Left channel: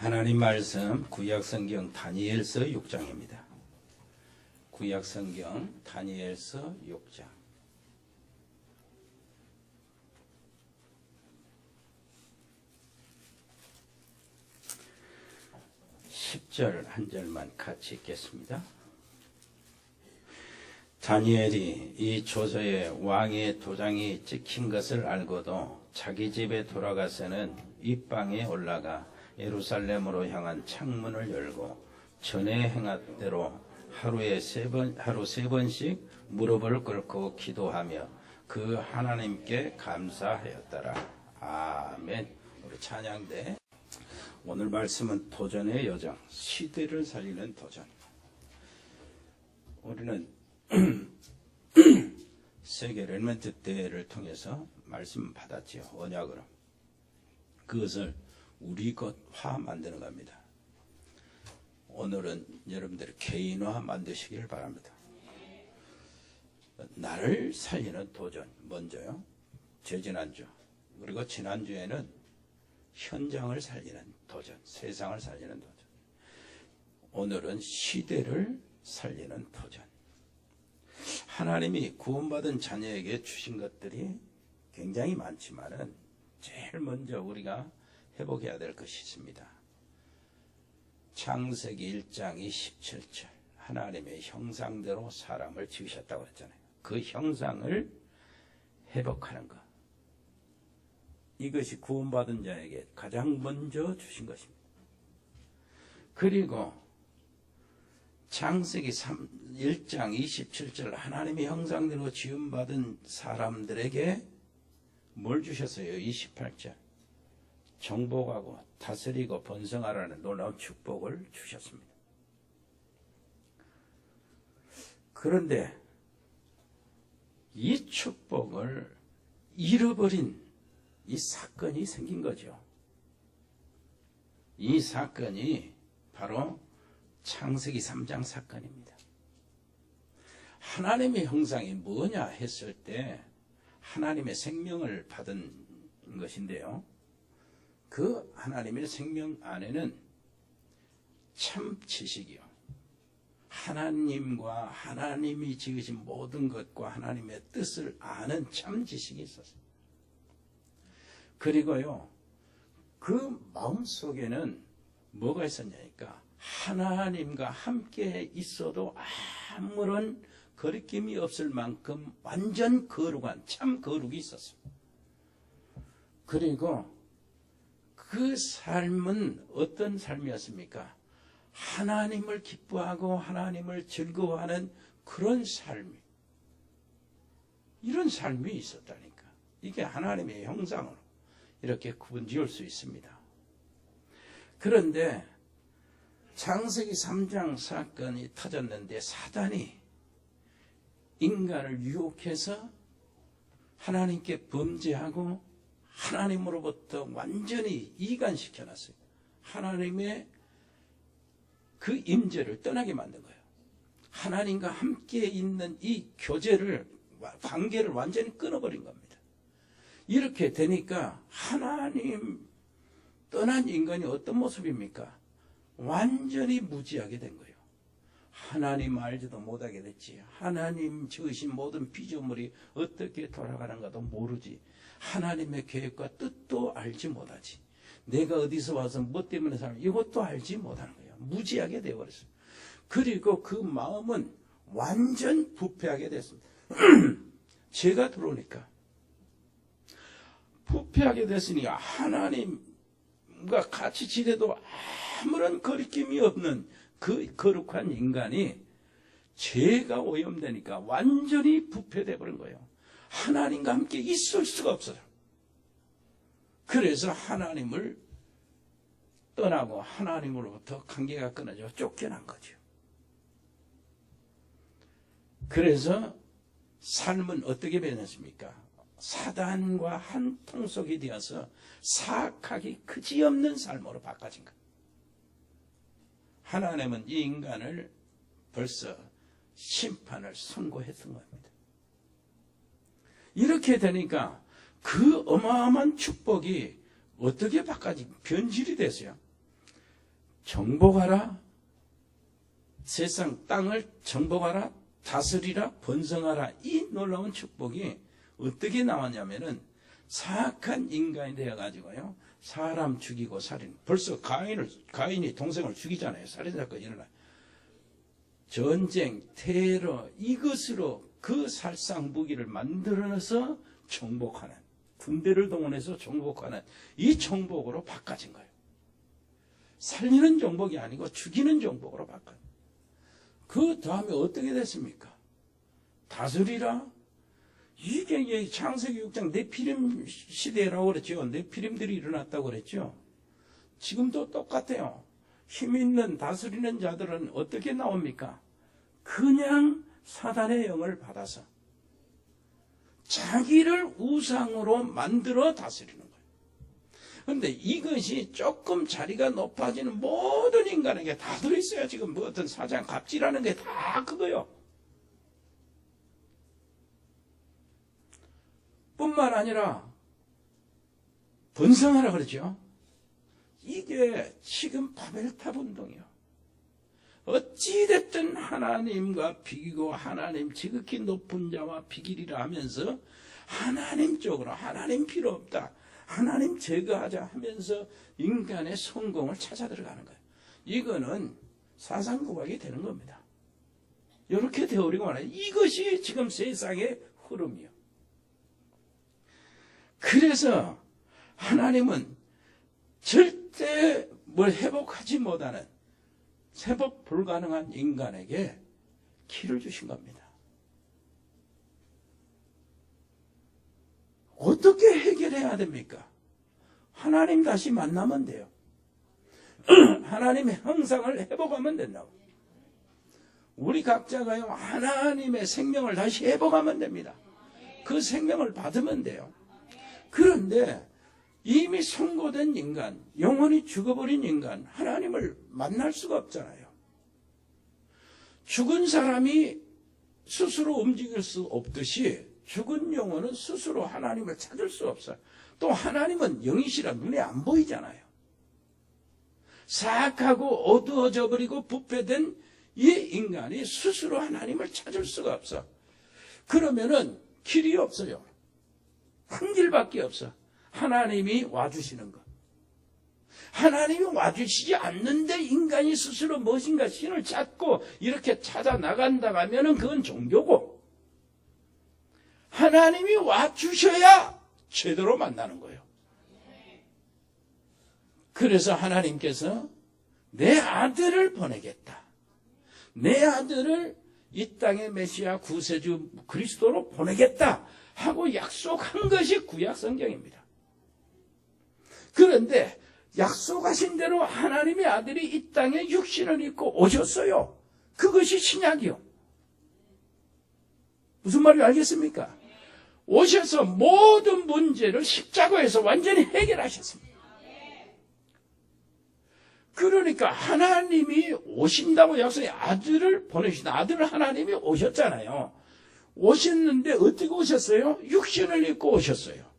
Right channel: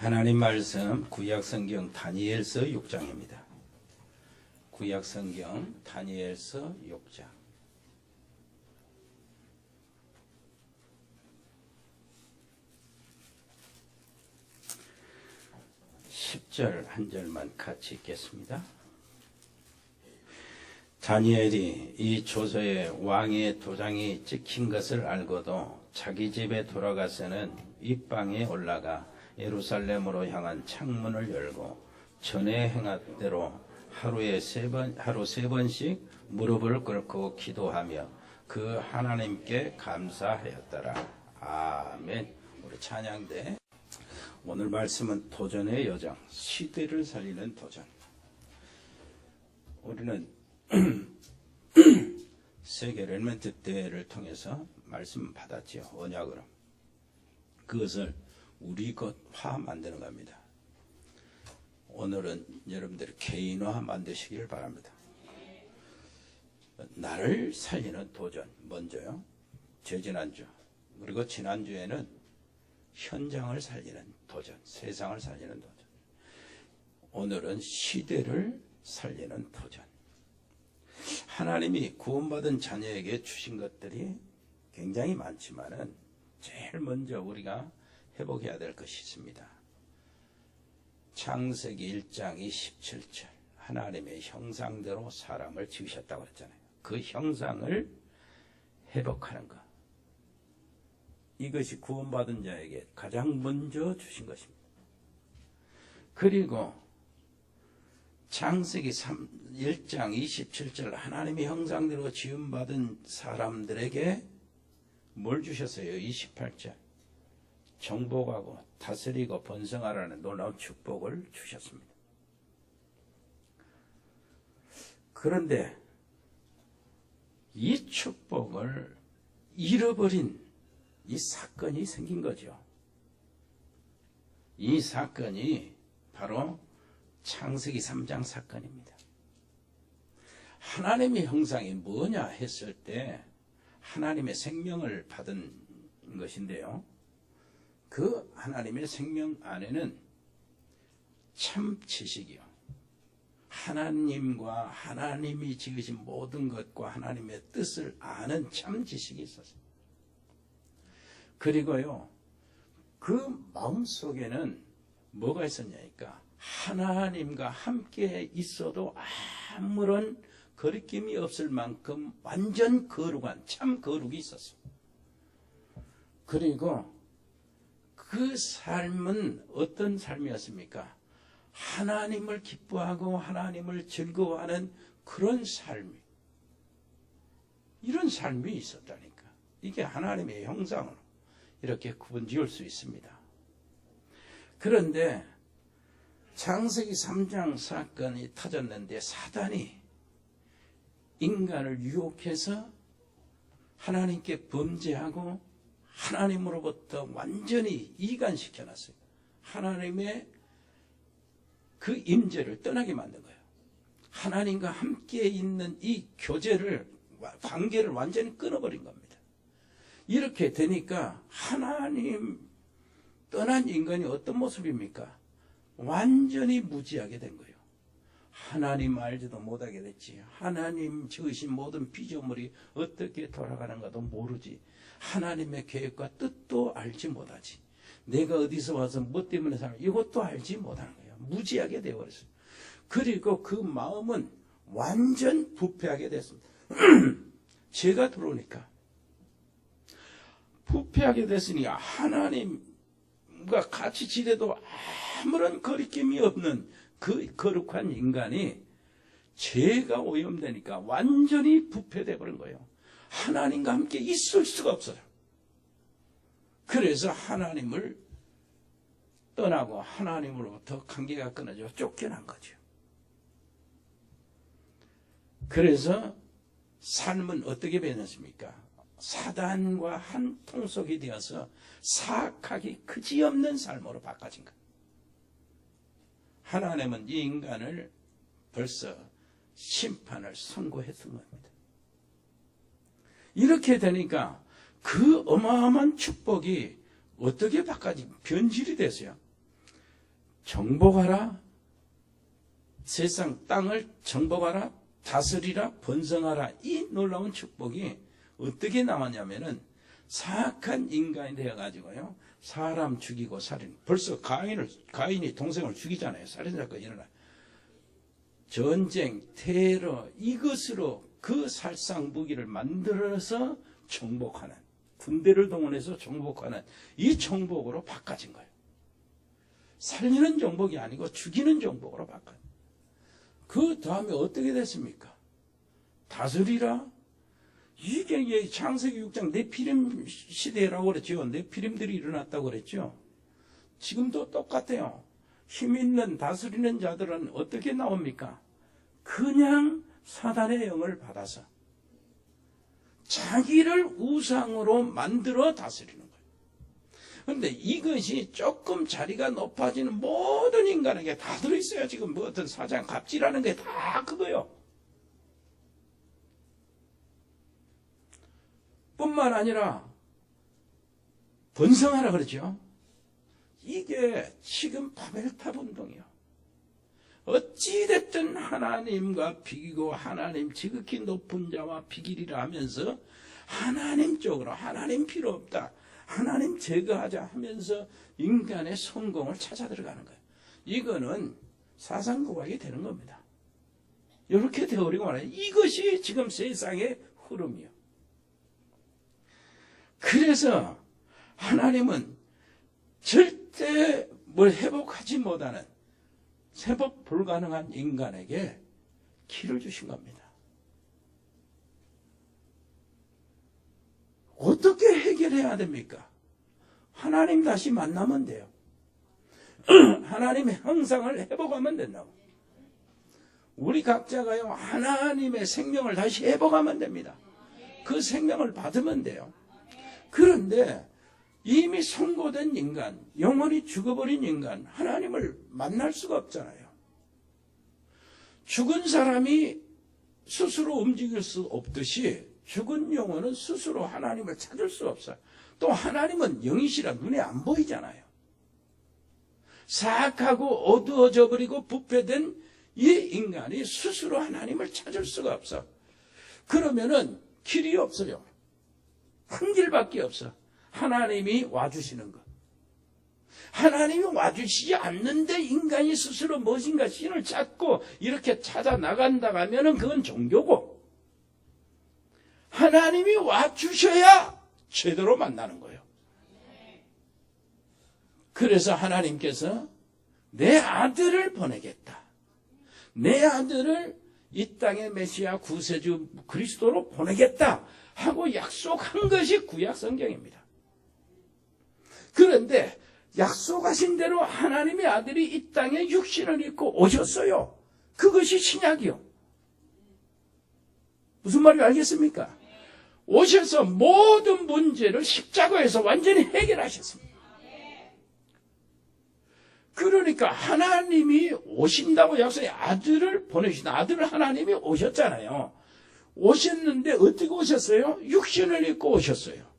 하나님 말씀 구약성경 다니엘서 6장입니다. 구약성경 다니엘서 6장 10절 한 절만 같이 읽겠습니다. 다니엘이 이 조서에 왕의 도장이 찍힌 것을 알고도 자기 집에 돌아가서는 윗방에 올라가 예루살렘으로 향한 창문을 열고 전에 행하대로 하루 세 번씩 무릎을 꿇고 기도하며 그 하나님께 감사하였더라. 아멘. 우리 찬양대. 오늘 말씀은 도전의 여정, 시대를 살리는 도전. 우리는 세계 렐멘트 대회를 통해서 말씀 받았지요. 언약으로. 그것을 우리 것화 만드는 겁니다. 오늘은 여러분들이 개인화 만드시기를 바랍니다. 나를 살리는 도전 먼저요. 지난주 그리고 지난주에는 현장을 살리는 도전, 세상을 살리는 도전. 오늘은 시대를 살리는 도전. 하나님이 구원받은 자녀에게 주신 것들이 굉장히 많지만은 제일 먼저 우리가 회복해야 될 것이 있습니다. 창세기 1장 27절 하나님의 형상대로 사람을 지으셨다고 그랬잖아요. 그 형상을 회복하는 것. 이것이 구원받은 자에게 가장 먼저 주신 것입니다. 그리고 창세기 1장 27절 하나님의 형상대로 지음받은 사람들에게 뭘 주셨어요? 28절 정복하고 다스리고 번성하라는 놀라운 축복을 주셨습니다. 그런데 이 축복을 잃어버린 이 사건이 생긴 거죠. 이 사건이 바로 창세기 3장 사건입니다. 하나님의 형상이 뭐냐 했을 때 하나님의 생명을 받은 것인데요. 그 하나님의 생명 안에는 참 지식이요. 하나님과 하나님이 지으신 모든 것과 하나님의 뜻을 아는 참 지식이 있었어요. 그리고요, 그 마음속에는 뭐가 있었냐니까 하나님과 함께 있어도 아무런 거리낌이 없을 만큼 완전 거룩한 참 거룩이 있었어요. 그리고 그 삶은 어떤 삶이었습니까? 하나님을 기뻐하고 하나님을 즐거워하는 그런 삶이, 이런 삶이 있었다니까. 이게 하나님의 형상으로 이렇게 구분 지을 수 있습니다. 그런데 창세기 3장 사건이 터졌는데 사단이 인간을 유혹해서 하나님께 범죄하고 하나님으로부터 완전히 이간시켜놨어요. 하나님의 그 임재를 떠나게 만든 거예요. 하나님과 함께 있는 이 교제를, 관계를 완전히 끊어버린 겁니다. 이렇게 되니까 하나님 떠난 인간이 어떤 모습입니까? 완전히 무지하게 된 거예요. 하나님 알지도 못하게 됐지. 하나님 지으신 모든 피조물이 어떻게 돌아가는가도 모르지. 하나님의 계획과 뜻도 알지 못하지. 내가 어디서 와서 뭐 때문에 사는 이것도 알지 못하는 거예요. 무지하게 되어버렸어요. 그리고 그 마음은 완전 부패하게 됐습니다. 죄가 들어오니까 부패하게 됐으니 하나님과 같이 지내도 아무런 거리낌이 없는 그 거룩한 인간이 죄가 오염되니까 완전히 부패돼 버린 거예요. 하나님과 함께 있을 수가 없어요. 그래서 하나님을 떠나고 하나님으로부터 관계가 끊어져 쫓겨난 거죠. 그래서 삶은 어떻게 변했습니까? 사단과 한 통속이 되어서 사악하기 그지없는 삶으로 바꿔진 거예요. 하나님은 이 인간을 벌써 심판을 선고했던 겁니다. 이렇게 되니까 그 어마어마한 축복이 어떻게 바꿔진 변질이 됐어요. 정복하라. 세상 땅을 정복하라. 다스리라. 번성하라. 이 놀라운 축복이 어떻게 나왔냐면은 사악한 인간이 되어가지고요. 사람 죽이고 살인. 벌써 가인이 동생을 죽이잖아요. 살인사건이 일어나요. 전쟁, 테러, 이것으로 그 살상 무기를 만들어서 정복하는, 군대를 동원해서 정복하는 이 정복으로 바꿔진 거예요. 살리는 정복이 아니고 죽이는 정복으로 바꿔. 그 다음에 어떻게 됐습니까? 다스리라. 이게 창세기 6장 네피림 시대라고 그랬죠. 네피림들이 일어났다고 그랬죠. 지금도 똑같아요. 힘 있는 다스리는 자들은 어떻게 나옵니까? 그냥 사단의 영을 받아서 자기를 우상으로 만들어 다스리는 거예요. 그런데 이것이 조금 자리가 높아지는 모든 인간에게 다 들어있어요. 지금 뭐 어떤 사장 갑질하는 게 다 그거요. 뿐만 아니라 번성하라 그러죠. 이게 지금 바벨탑 운동이요. 어찌됐든 하나님과 비기고 하나님 지극히 높은 자와 비기리라 하면서 하나님 쪽으로 하나님 필요 없다. 하나님 제거하자 하면서 인간의 성공을 찾아 들어가는 거예요. 이거는 사상국악이 되는 겁니다. 이렇게 되어버리고 말아요. 이것이 지금 세상의 흐름이요. 그래서 하나님은 절대 뭘 회복하지 못하는 회복 불가능한 인간에게 길을 주신 겁니다. 어떻게 해결해야 됩니까? 하나님 다시 만나면 돼요. 하나님의 형상을 회복하면 된다고. 우리 각자가요, 하나님의 생명을 다시 회복하면 됩니다. 그 생명을 받으면 돼요. 그런데 이미 선고된 인간, 영원히 죽어버린 인간, 하나님을 만날 수가 없잖아요. 죽은 사람이 스스로 움직일 수 없듯이 죽은 영혼은 스스로 하나님을 찾을 수 없어요. 또 하나님은 영이시라 눈에 안 보이잖아요. 사악하고 어두워져 버리고 부패된 이 인간이 스스로 하나님을 찾을 수가 없어. 그러면은 길이 없어요. 한 길밖에 없어. 하나님이 와주시는 것. 하나님이 와주시지 않는데 인간이 스스로 무엇인가 신을 찾고 이렇게 찾아 나간다 하면은 그건 종교고, 하나님이 와주셔야 제대로 만나는 거예요. 그래서 하나님께서 내 아들을 보내겠다. 내 아들을 이 땅의 메시아 구세주 그리스도로 보내겠다 하고 약속한 것이 구약 성경입니다. 그런데 약속하신 대로 하나님의 아들이 이 땅에 육신을 입고 오셨어요. 그것이 신약이요. 무슨 말인지 알겠습니까? 오셔서 모든 문제를 십자가에서 완전히 해결하셨습니다. 그러니까 하나님이 오신다고 약속해 아들을 보내주신다. 아들을 하나님이 오셨잖아요. 오셨는데 어떻게 오셨어요? 육신을 입고 오셨어요.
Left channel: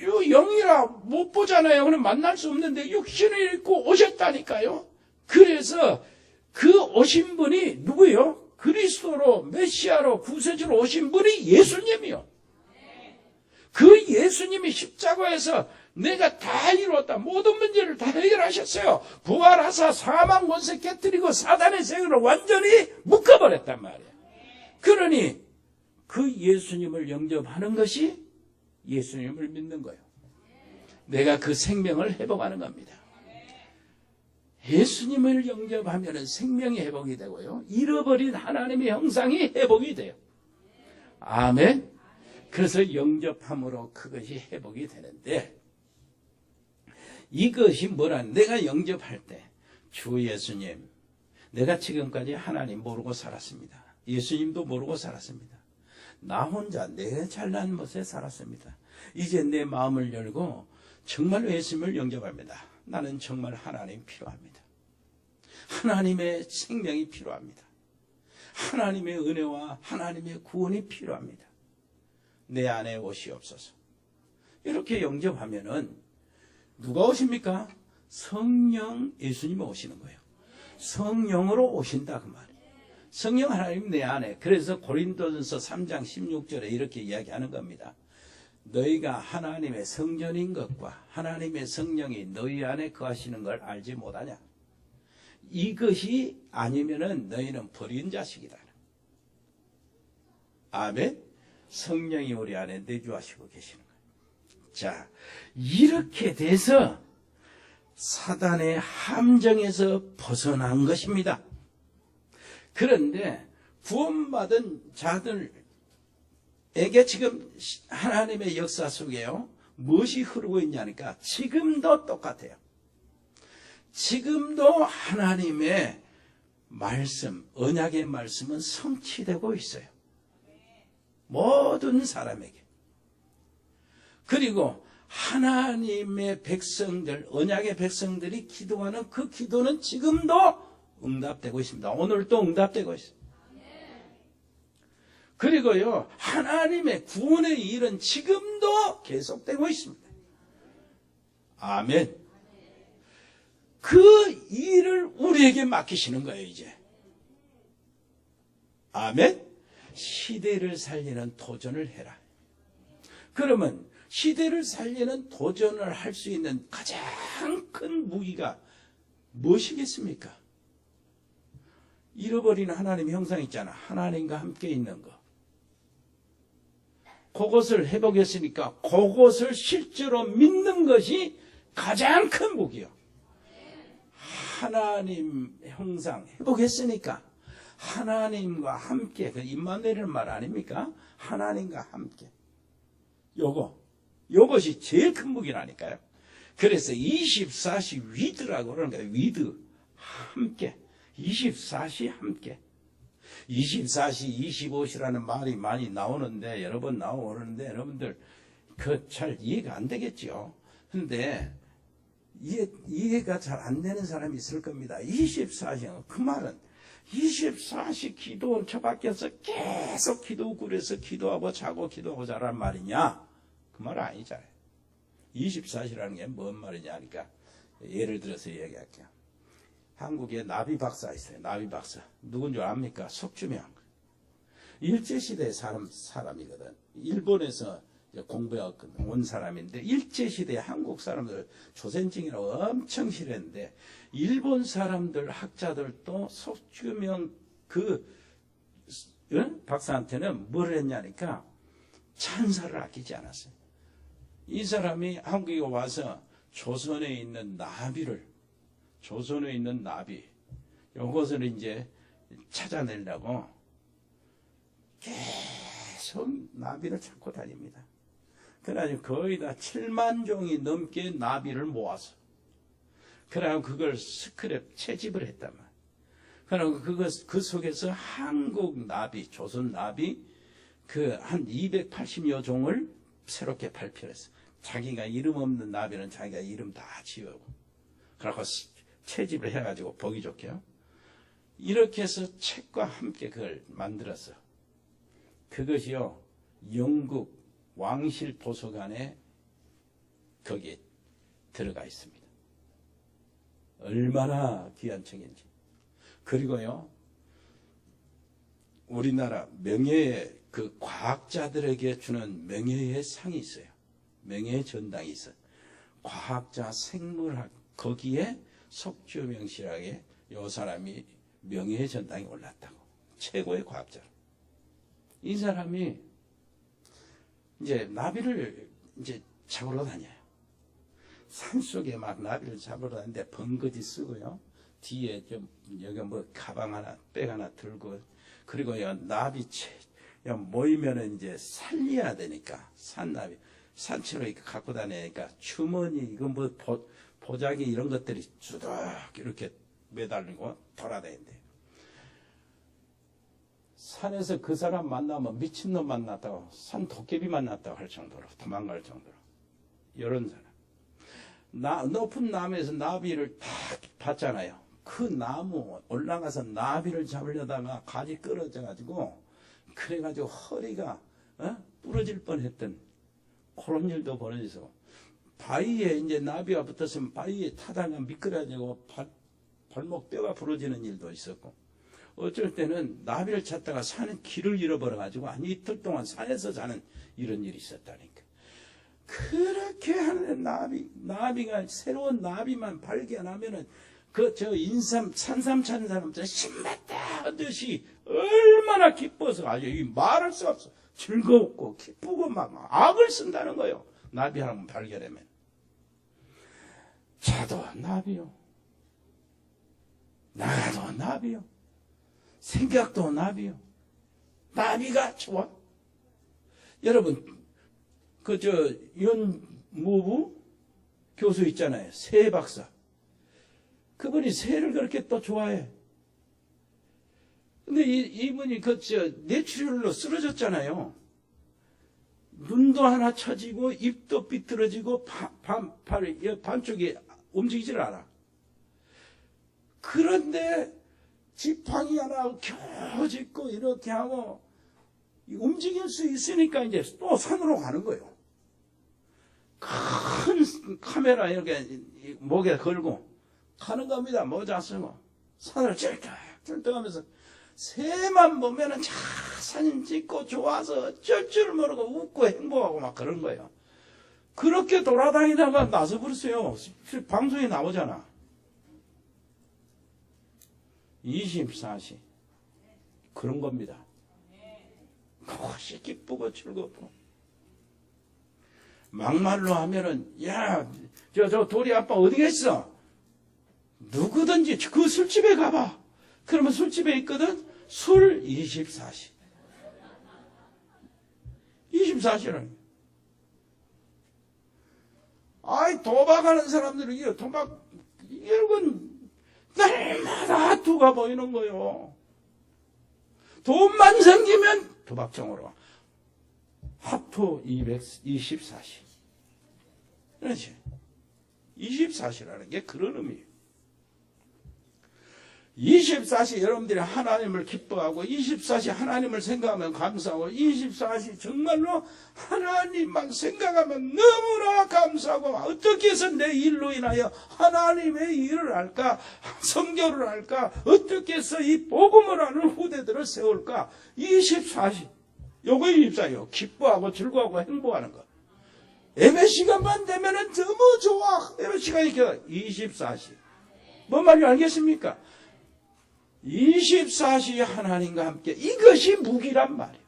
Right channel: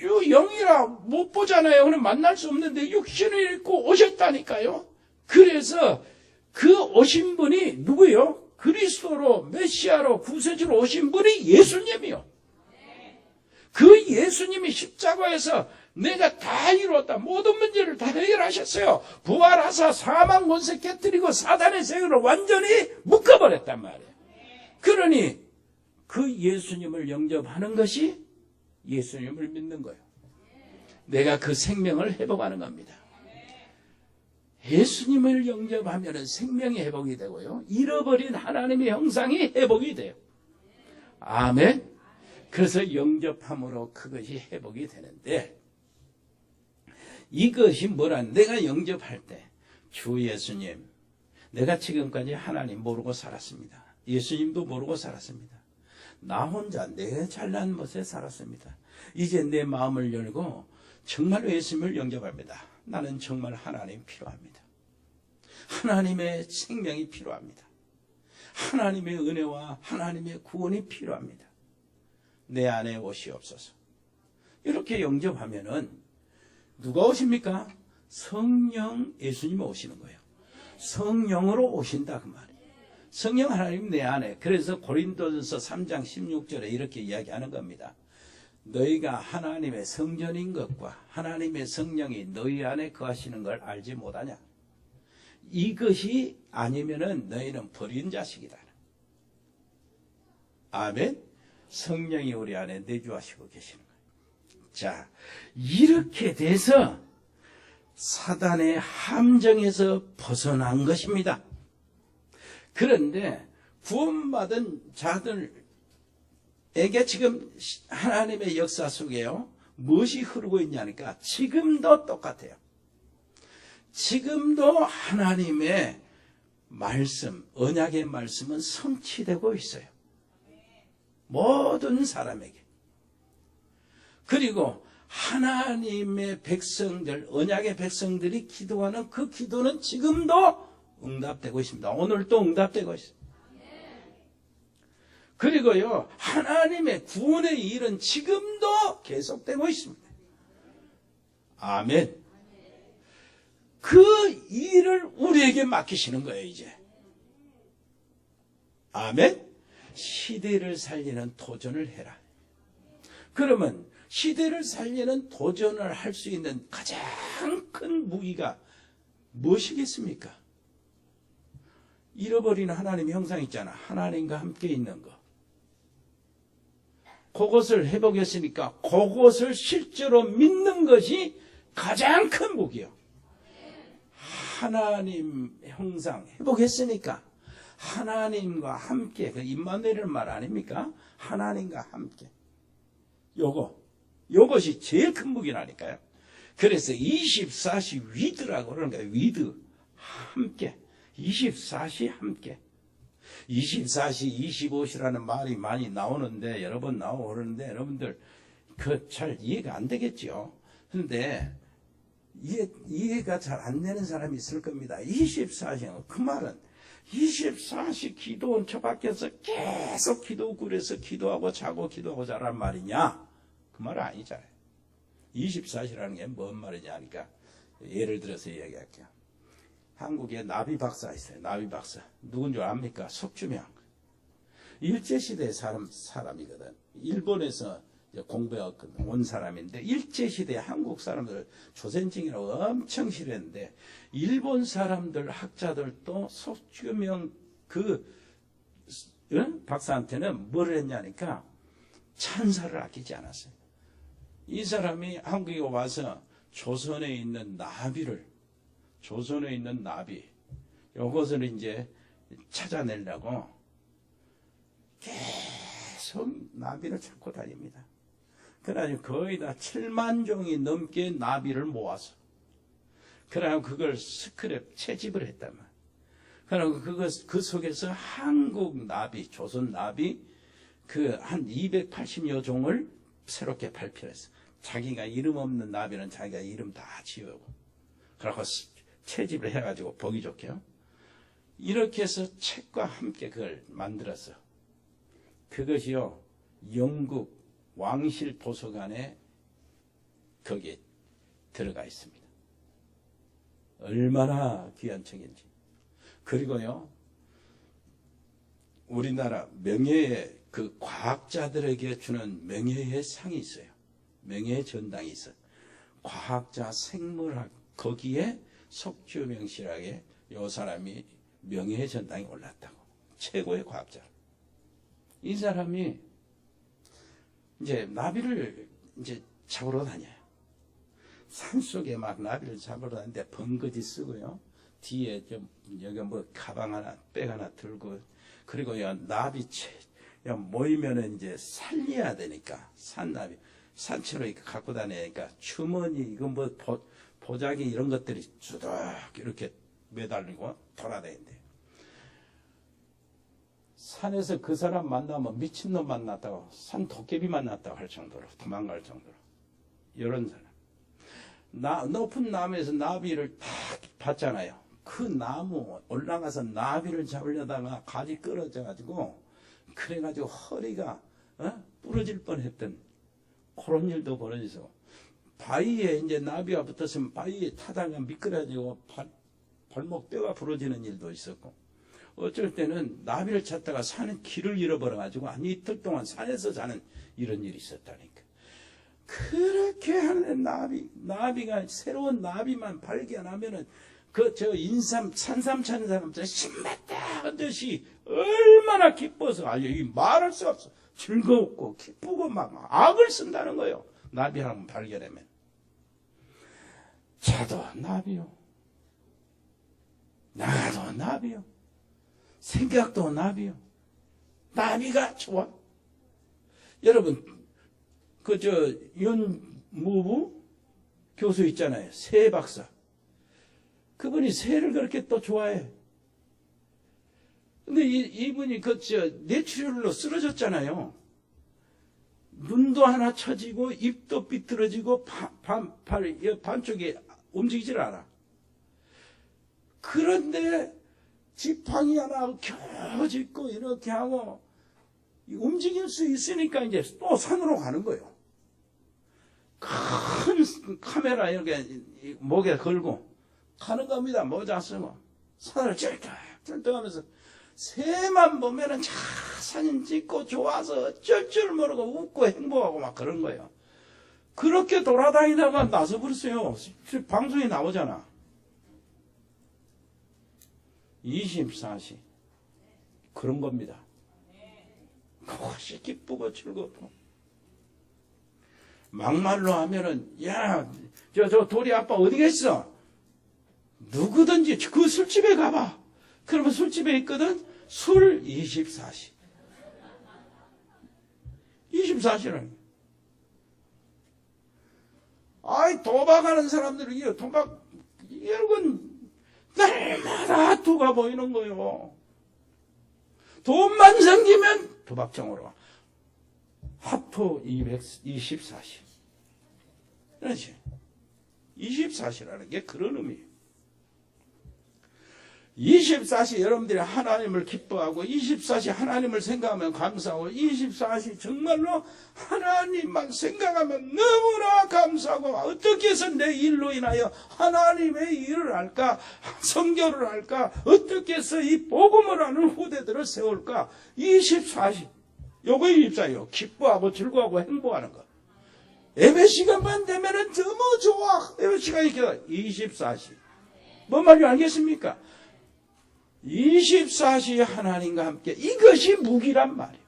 영이라 못 보잖아요. 그럼 만날 수 없는데 육신을 입고 오셨다니까요. 그래서 그 오신 분이 누구예요? 그리스도로 메시아로 구세주로 오신 분이 예수님이요. 그 예수님이 십자가에서 내가 다 이루었다. 모든 문제를 다 해결하셨어요. 부활하사 사망 권세 깨뜨리고 사단의 세계를 완전히 묶어버렸단 말이에요. 그러니 그 예수님을 영접하는 것이 예수님을 믿는 거예요. 내가 그 생명을 회복하는 겁니다. 예수님을 영접하면 생명이 회복이 되고요. 잃어버린 하나님의 형상이 회복이 돼요. 아멘. 그래서 영접함으로 그것이 회복이 되는데, 이것이 뭐라, 내가 영접할 때 주 예수님, 내가 지금까지 하나님 모르고 살았습니다. 예수님도 모르고 살았습니다. 나 혼자 내 잘난 것에 살았습니다. 이제 내 마음을 열고 정말 예수님을 영접합니다. 나는 정말 하나님 필요합니다. 하나님의 생명이 필요합니다. 하나님의 은혜와 하나님의 구원이 필요합니다. 내 안에 오시옵소서. 이렇게 영접하면은 누가 오십니까? 성령 예수님이 오시는 거예요. 성령으로 오신다 그 말이에요. 성령 하나님 내 안에. 그래서 고린도전서 3장 16절에 이렇게 이야기하는 겁니다. 너희가 하나님의 성전인 것과 하나님의 성령이 너희 안에 거하시는 걸 알지 못하냐. 이것이 아니면은 너희는 버린 자식이다. 아멘. 성령이 우리 안에 내주하시고 계시는 거예요. 자, 이렇게 돼서 사단의 함정에서 벗어난 것입니다. 그런데 구원받은 자들에게 지금 하나님의 역사 속에요, 무엇이 흐르고 있냐니까 지금도 똑같아요. 지금도 하나님의 말씀, 언약의 말씀은 성취되고 있어요. 모든 사람에게. 그리고 하나님의 백성들, 언약의 백성들이 기도하는 그 기도는 지금도 응답되고 있습니다. 오늘도 응답되고 있습니다. 그리고요, 하나님의 구원의 일은 지금도 계속되고 있습니다. 아멘. 그 일을 우리에게 맡기시는 거예요, 이제. 아멘. 시대를 살리는 도전을 해라. 그러면 시대를 살리는 도전을 할 수 있는 가장 큰 무기가 무엇이겠습니까? 잃어버린 하나님의 형상 있잖아. 하나님과 함께 있는 거. 그것을 회복했으니까 그것을 실제로 믿는 것이 가장 큰 무기요. 하나님 형상 회복했으니까 하나님과 함께, 그 임마누엘이라는 말 아닙니까? 하나님과 함께. 요것이 제일 큰 무기라니까요. 그래서 24시 위드라고 그러는 거예요. 위드. 함께. 24시 함께. 24시, 25시라는 말이 많이 나오는데, 여러 번 나오고 그러는데, 여러분들, 잘 이해가 안 되겠죠. 근데, 이해가 잘 안 되는 사람이 있을 겁니다. 24시, 그 말은, 24시 기도원 저 밖에서 계속 기도굴에서 기도하고 자고 기도하고 자란 말이냐? 그 말은 아니잖아요. 24시라는 게 뭔 말이냐 하니까, 예를 들어서 이야기할게요. 한국에 나비 박사 있어요. 나비 박사. 누군 줄 압니까? 석주명. 일제시대 사람이거든. 일본에서 공부해 온 사람인데, 일제시대 한국 사람들 조선징이라고 엄청 싫어했는데, 일본 사람들, 학자들도 석주명 박사한테는 뭘 했냐니까, 찬사를 아끼지 않았어요. 이 사람이 한국에 와서 조선에 있는 나비, 요것을 이제 찾아내려고 계속 나비를 찾고 다닙니다. 그래가지고 거의 다 7만 종이 넘게 나비를 모았어. 그래가지고 그걸 스크랩, 채집을 했단 말이야. 그래가지고 그 속에서 한국 나비, 조선 나비, 한 280여 종을 새롭게 발표했어. 자기가 이름 없는 나비는 자기가 이름 다 지우고. 그래서 채집을 해가지고 보기 좋게요. 이렇게 해서 책과 함께 그걸 만들었어. 그것이요, 영국 왕실 도서관에 거기에 들어가 있습니다. 얼마나 귀한 책인지. 그리고요, 우리나라 명예의 그 과학자들에게 주는 명예의 상이 있어요. 명예의 전당이 있어요. 과학자, 생물학, 거기에 석주명 씨라게 요 사람이 명예의 전당에 올랐다고. 최고의 과학자로. 이 사람이 이제 나비를 이제 잡으러 다녀요. 산속에 막 나비를 잡으러 다니는데 번거지 쓰고요. 뒤에 여기 뭐 가방 하나, 백 하나 들고, 그리고 나비 모이면은 이제 살려야 되니까, 산나비. 산채로 이렇게 갖고 다니니까 주머니, 이거 뭐 보자기 이런 것들이 주덕 이렇게 매달리고 돌아다닌대. 산에서 그 사람 만나면 미친놈 만났다고, 산 도깨비 만났다고 할 정도로, 도망갈 정도로. 이런 사람. 높은 나무에서 나비를 딱 봤잖아요. 그 나무 올라가서 나비를 잡으려다가 가지 끊어져가지고, 그래가지고 허리가 부러질 뻔했던 그런 일도 벌어져서 바위에 이제 나비가 붙었으면 바위에 타다가 미끄러지고 발목 뼈가 부러지는 일도 있었고, 어쩔 때는 나비를 찾다가 산에 길을 잃어버려가지고 한 이틀 동안 산에서 자는 이런 일이 있었다니까. 그렇게 하는 나비가 새로운 나비만 발견하면은 산삼 찾는 사람들 신났다 하듯이 얼마나 기뻐서 말할 수가 없어. 즐겁고 기쁘고 막 악을 쓴다는 거예요. 나비 하나 발견하면. 자도 나비요. 나도 나비요. 생각도 나비요. 나비가 좋아. 여러분, 윤무부 교수 있잖아요. 새 박사. 그분이 새를 그렇게 또 좋아해. 근데 이분이 뇌출혈로 쓰러졌잖아요. 눈도 하나 처지고, 입도 삐뚤어지고, 반쪽이 움직이질 않아. 그런데 지팡이 하나 겨우 짚고 이렇게 하고, 움직일 수 있으니까 이제 또 산으로 가는 거예요. 큰 카메라 이렇게 목에 걸고 가는 겁니다. 모자 쓰고 산을 쩔쩔하면서 새만 보면은 사진 찍고 좋아서 어쩔 줄 모르고 웃고 행복하고 막 그런 거예요. 그렇게 돌아다니다가 나서 버렸어요. 방송에 나오잖아. 24시 그런 겁니다. 그것이 기쁘고 즐겁고. 막말로 하면은, 야, 저 도리 아빠 어디 갔어? 누구든지 그 술집에 가봐. 그러면 술집에 있거든? 술 24시. 24시라는 거야. 아이, 도박하는 사람들은, 이런 건 날마다 하투가 보이는 거예요. 돈만 생기면 도박장으로 와. 하투 224시. 그렇지. 24시라는 게 그런 의미예요. 24시 여러분들이 하나님을 기뻐하고 24시 하나님을 생각하면 감사하고 24시 정말로 하나님만 생각하면 너무나 감사하고 어떻게 해서 내 일로 인하여 하나님의 일을 할까, 성교를 할까, 어떻게 해서 이 복음을 하는 후대들을 세울까. 24시 요거 24시요. 기뻐하고 즐거워하고 행복하는 것. 예배 시간만 되면은 너무 좋아. 예배 시간이 24시. 뭔 말인지 알겠습니까? 24시 하나님과 함께. 이것이 무기란 말이에요.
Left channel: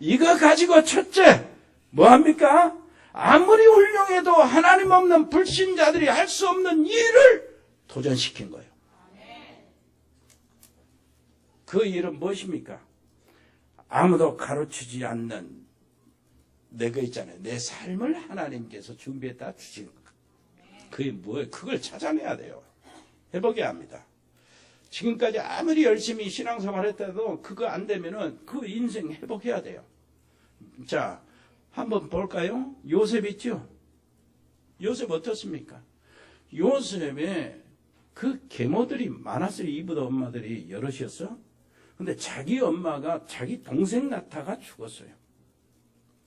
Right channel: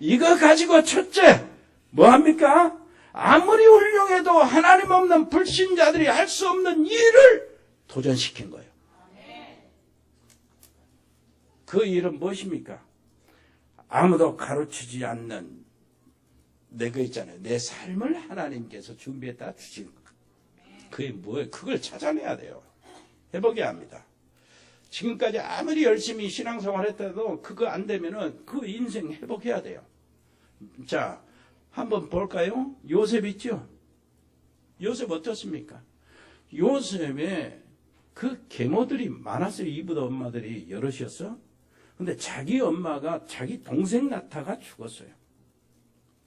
이거 가지고 첫째 뭐합니까? 아무리 훌륭해도 하나님 없는 불신자들이 할 수 없는 일을 도전시킨 거예요. 그 일은 무엇입니까? 아무도 가르치지 않는 내가 있잖아요. 내 삶을 하나님께서 준비했다 주신 것. 그게 뭐예요? 그걸 찾아내야 돼요. 해보게 합니다. 지금까지 아무리 열심히 신앙생활 했다도 그거 안 되면은 그 인생 회복해야 돼요. 자, 한번 볼까요? 요셉 있죠? 요셉 어떻습니까? 요셉에 그 계모들이 많았어요. 이브도 엄마들이 여럿이었어. 근데 자기 엄마가 자기 동생 낳다가 죽었어요.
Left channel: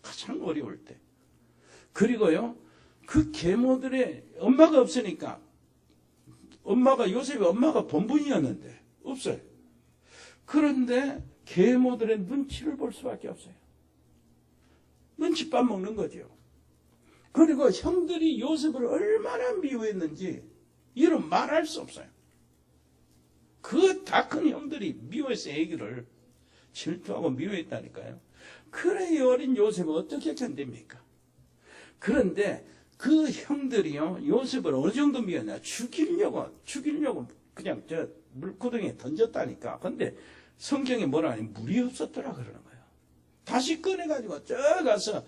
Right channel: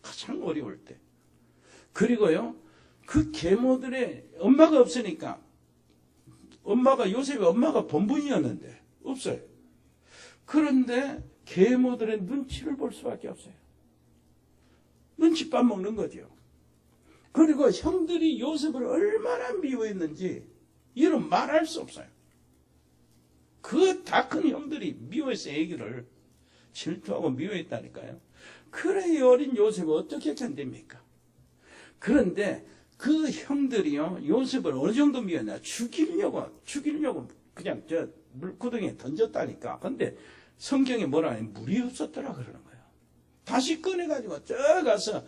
가장 어려울 때. 그리고요, 그 계모들의 엄마가 없으니까, 요셉의 엄마가 본분이었는데, 없어요. 그런데 계모들의 눈치를 볼 수밖에 없어요. 눈치밥 먹는 거죠. 그리고 형들이 요셉을 얼마나 미워했는지, 이런 말할 수 없어요. 그 다 큰 형들이 미워해서 애기를 질투하고 미워했다니까요. 그래, 이 어린 요셉을 어떻게 견딥니까? 그런데 그 형들이요, 요셉을 어느 정도 미웠나? 죽이려고 그냥 물구덩이에 던졌다니까. 근데 성경에 뭐라 하냐? 물이 없었더라 그러는 거예요. 다시 꺼내가지고 가서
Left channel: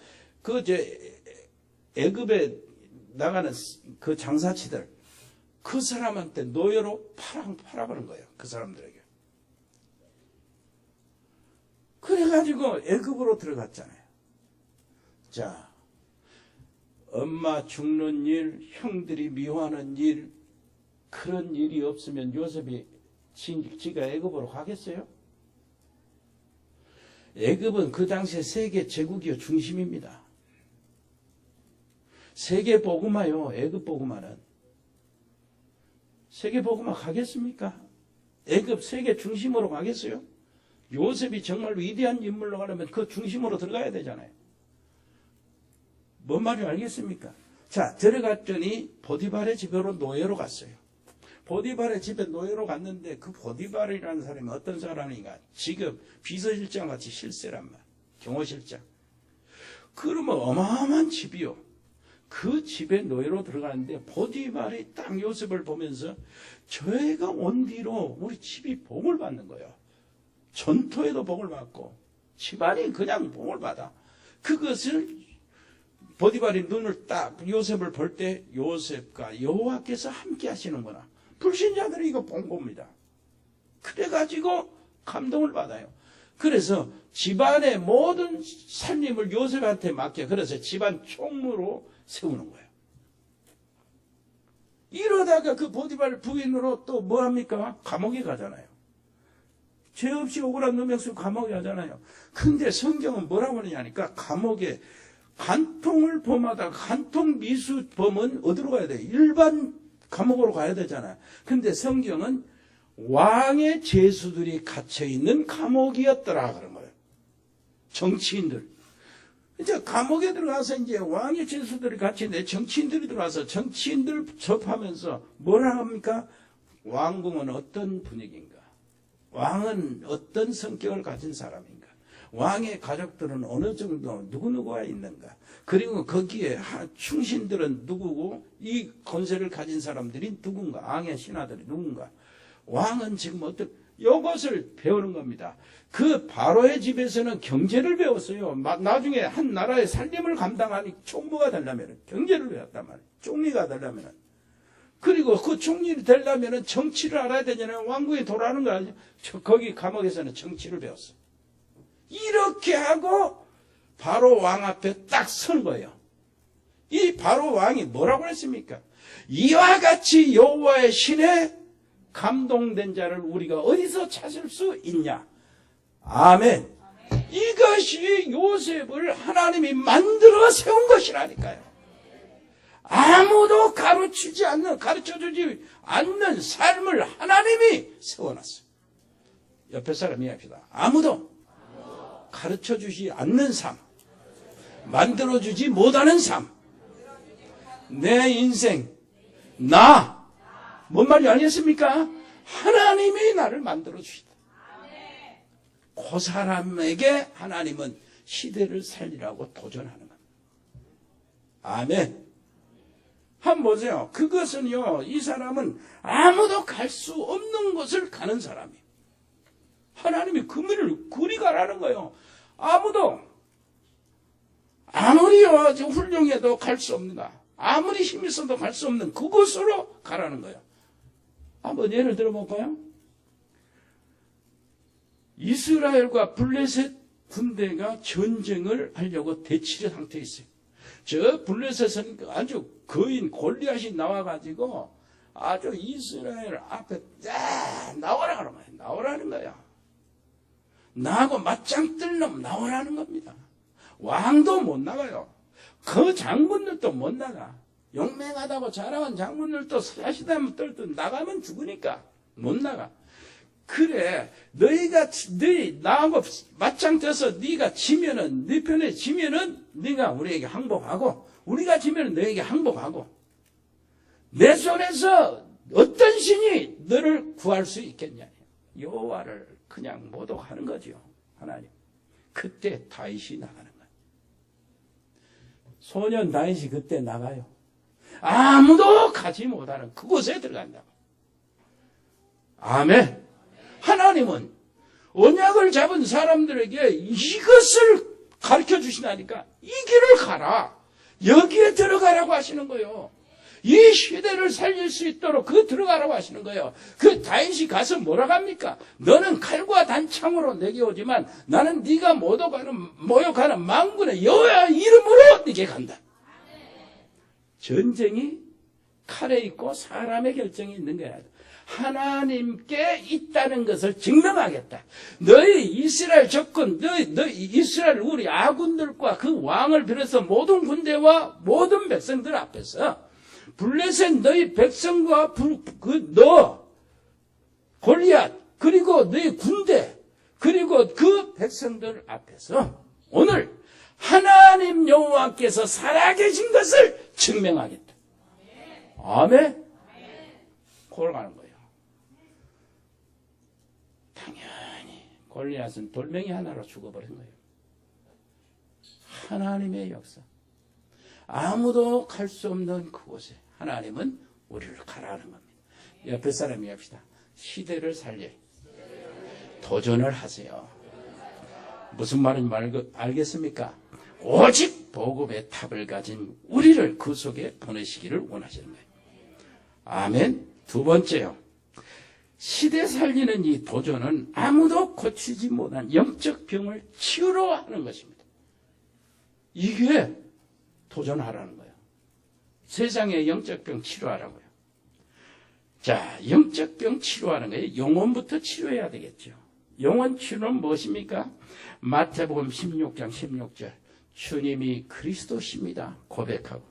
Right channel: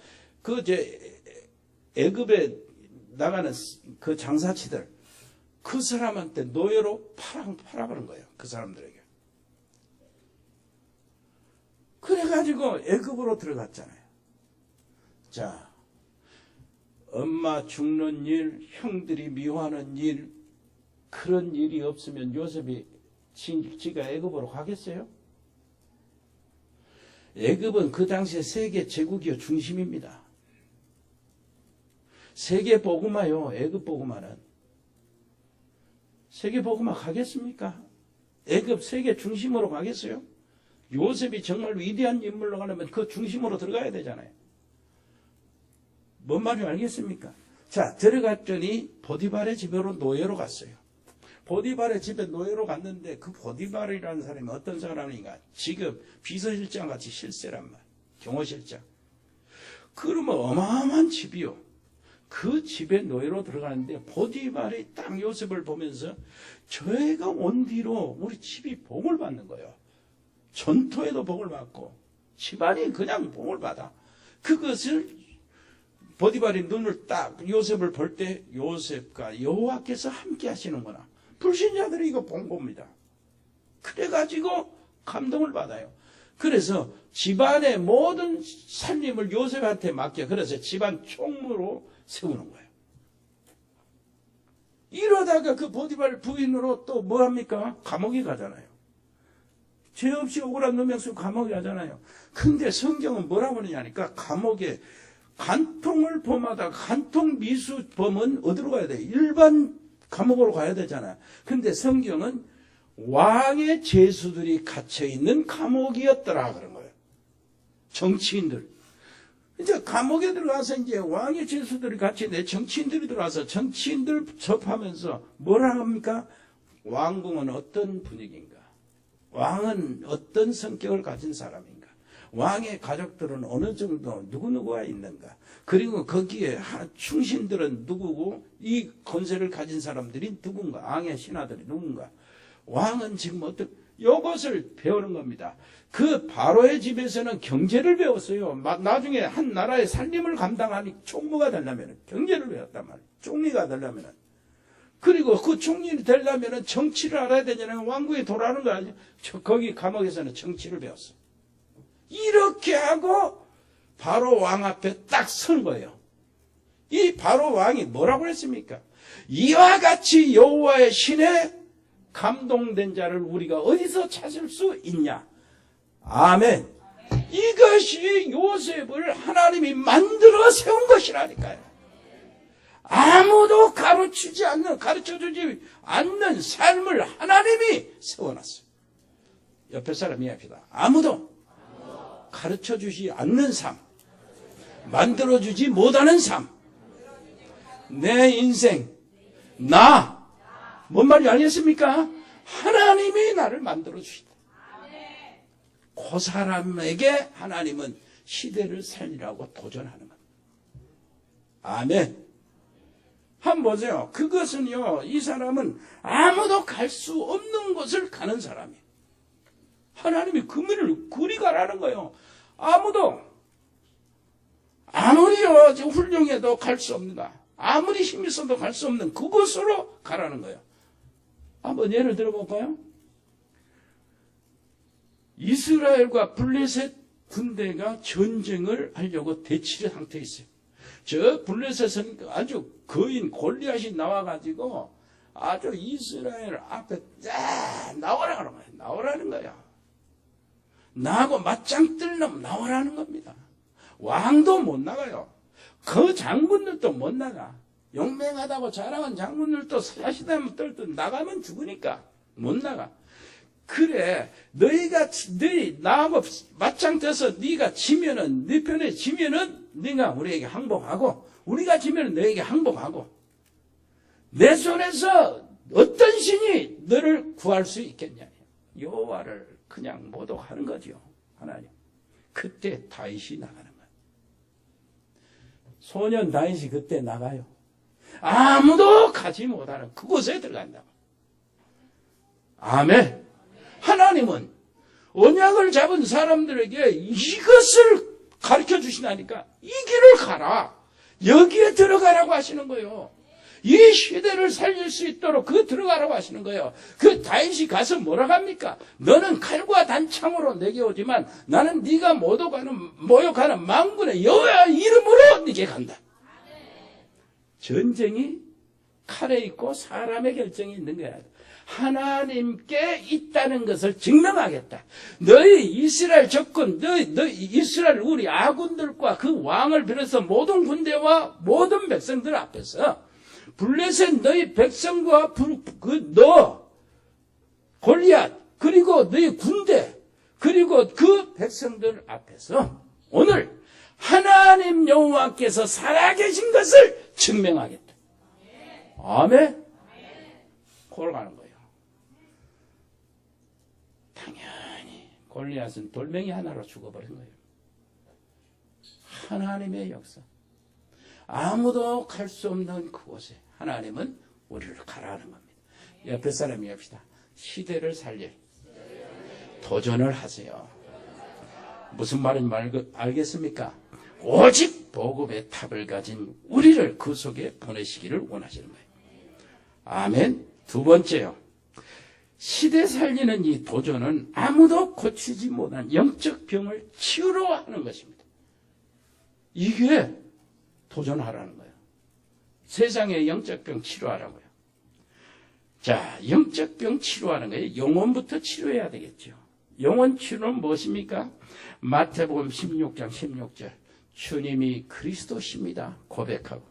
애굽에 나가는 그 장사치들, 그 사람한테 노예로 팔아 그런 거예요. 그 사람들에게. 그래가지고 애굽으로 들어갔잖아요. 자, 엄마 죽는 일, 형들이 미워하는 일, 그런 일이 없으면 요셉이 지가 애굽으로 가겠어요? 애굽은 그 당시에 세계 제국이요 중심입니다. 세계 복음화요, 애굽 복음화는. 세계 복음화 가겠습니까? 애굽 세계 중심으로 가겠어요? 요셉이 정말 위대한 인물로 가려면 그 중심으로 들어가야 되잖아요. 뭔 말인지 알겠습니까? 자, 들어갔더니 보디발의 집으로 노예로 갔어요. 보디발의 집에 노예로 갔는데 그 보디발이라는 사람이 어떤 사람인가? 지금 비서실장 같이 실세란 말. 경호실장. 그러면 어마어마한 집이요. 그 집에 노예로 들어가는데 보디발이 딱 요셉을 보면서 저희가 온 뒤로 우리 집이 복을 받는 거예요. 전토에도 복을 받고 집안이 그냥 복을 받아. 그것을 보디발이 눈을 딱 요셉을 볼 때 요셉과 여호와께서 함께 하시는구나. 불신자들이 이거 본 겁니다. 그래가지고 감동을 받아요. 그래서 집안의 모든 살림을 요셉한테 맡겨. 그래서 집안 총무로 세우는 거예요. 이러다가 그 보디발 부인으로 또 뭐합니까? 감옥에 가잖아요. 죄 없이 억울한 누명쓰고 감옥에 가잖아요. 근데 성경은 뭐라고 하느냐니까 감옥에 간통을 범하다가 간통 미수범은 어디로 가야 돼요? 일반 감옥으로 가야 되잖아요. 근데 성경은 왕의 죄수들이 갇혀있는 감옥이었더라 그런 거예요. 정치인들. 이제 감옥에 들어가서 이제 왕의 죄수들이 갇혀있는데 정치인들이 들어와서 정치인들 접하면서 뭐라 합니까? 왕궁은 어떤 분위기인가? 왕은 어떤 성격을 가진 사람인가? 왕의 가족들은 어느 정도 누구누구가 있는가? 그리고 거기에 충신들은 누구고 이 권세를 가진 사람들이 누군가? 왕의 신하들이 누군가? 왕은 지금 어떤 이것을 배우는 겁니다. 그 바로의 집에서는 경제를 배웠어요. 나중에 한 나라의 살림을 감당하니 총무가 되려면 경제를 배웠단 말이에요. 총리가 되려면. 그리고 그 총리가 되려면 정치를 알아야 되잖아요. 왕궁에 돌아가는 거 아니죠. 거기 감옥에서는 정치를 배웠어요. 이렇게 하고 바로 왕 앞에 딱 선 거예요. 이 바로 왕이 뭐라고 했습니까? 이와 같이 여호와의 신에 감동된 자를 우리가 어디서 찾을 수 있냐? 아멘. 이것이 요셉을 하나님이 만들어 세운 것이라니까요. 아무도 가르쳐주지 않는 삶을 하나님이 세워놨어요. 옆에 사람 이야기합니다. 아무도 가르쳐주지 않는 삶, 만들어주지 못하는 삶, 내 인생, 뭔 말이 아니겠습니까? 하나님이 나를 만들어주시다. 그 사람에게 하나님은 시대를 살리라고 도전하는 겁니다. 아멘. 한번 보세요. 그것은요, 이 사람은 아무도 갈 수 없는 곳을 가는 사람이에요. 하나님이 그물을 그리 가라는 거예요. 아무리 훌륭해도 갈 수 없는가. 아무리 힘이 있어도 갈 수 없는 그곳으로 가라는 거예요. 한번 예를 들어볼까요? 이스라엘과 블레셋 군대가 전쟁을 하려고 대치의 상태에 있어요. 저 블레셋은 아주 거인 골리앗이 나와가지고 아주 이스라엘 앞에 나오라는 거예요. 나오라는 거예요. 나하고 맞짱 뜰 놈 나오라는 겁니다. 왕도 못 나가요. 그 장군들도 못 나가. 용맹하다고 자랑한 장군들도 사시다면 떨듯 나가면 죽으니까 못 나가. 그래, 너희 나하고 맞짱 떠서 네가 지면은, 네 편에 지면은 네가 우리에게 항복하고, 우리가 지면은 너에게 항복하고, 내 손에서 어떤 신이 너를 구할 수 있겠냐? 여호와를 그냥 모독하는 거죠, 하나님. 그때 다윗이 나가는 거예요. 소년 다윗이 그때 나가요. 아무도 가지 못하는 그곳에 들어간다고. 아멘. 하나님은 언약을 잡은 사람들에게 이것을 가르쳐 주시다니까. 이 길을 가라. 여기에 들어가라고 하시는 거예요. 이 시대를 살릴 수 있도록 들어가라고 하시는 거예요. 그 다윗이 가서 뭐라고 합니까? 너는 칼과 단창으로 내게 오지만 나는 네가 모욕하는 만군의 여호와 이름으로 네게 간다. 전쟁이 칼에 있고 사람의 결정이 있는 거야. 하나님께 있다는 것을 증명하겠다. 너희 이스라엘 적군, 너희 이스라엘 우리 아군들과 그 왕을 비롯해서 모든 군대와 모든 백성들 앞에서 블레셋 너희 백성과 너 골리앗 그리고 너희 군대 그리고 그 백성들 앞에서 오늘 하나님 여호와께서 살아계신 것을 증명하겠다. 아멘. 그걸 가는 거예요. 당연히 골리앗은 돌멩이 하나로 죽어버린 거예요. 하나님의 역사. 아무도 갈 수 없는 그곳에 하나님은 우리를 가라는 겁니다. 옆에 사람이 합시다. 시대를 살려 도전을 하세요. 무슨 말인지 알겠습니까? 오직 복음의 탑을 가진 우리를 그 속에 보내시기를 원하시는 거예요. 아멘. 두 번째요. 시대 살리는 이 도전은 아무도 고치지 못한 영적 병을 치유로 하는 것입니다. 이게 도전하라는 거예요. 세상의 영적 병 치료하라고요. 자, 영적 병 치료하는 거예요. 영혼부터 치료해야 되겠죠. 영혼 치료는 무엇입니까? 마태복음 16장 16절 주님이 그리스도십니다 고백하고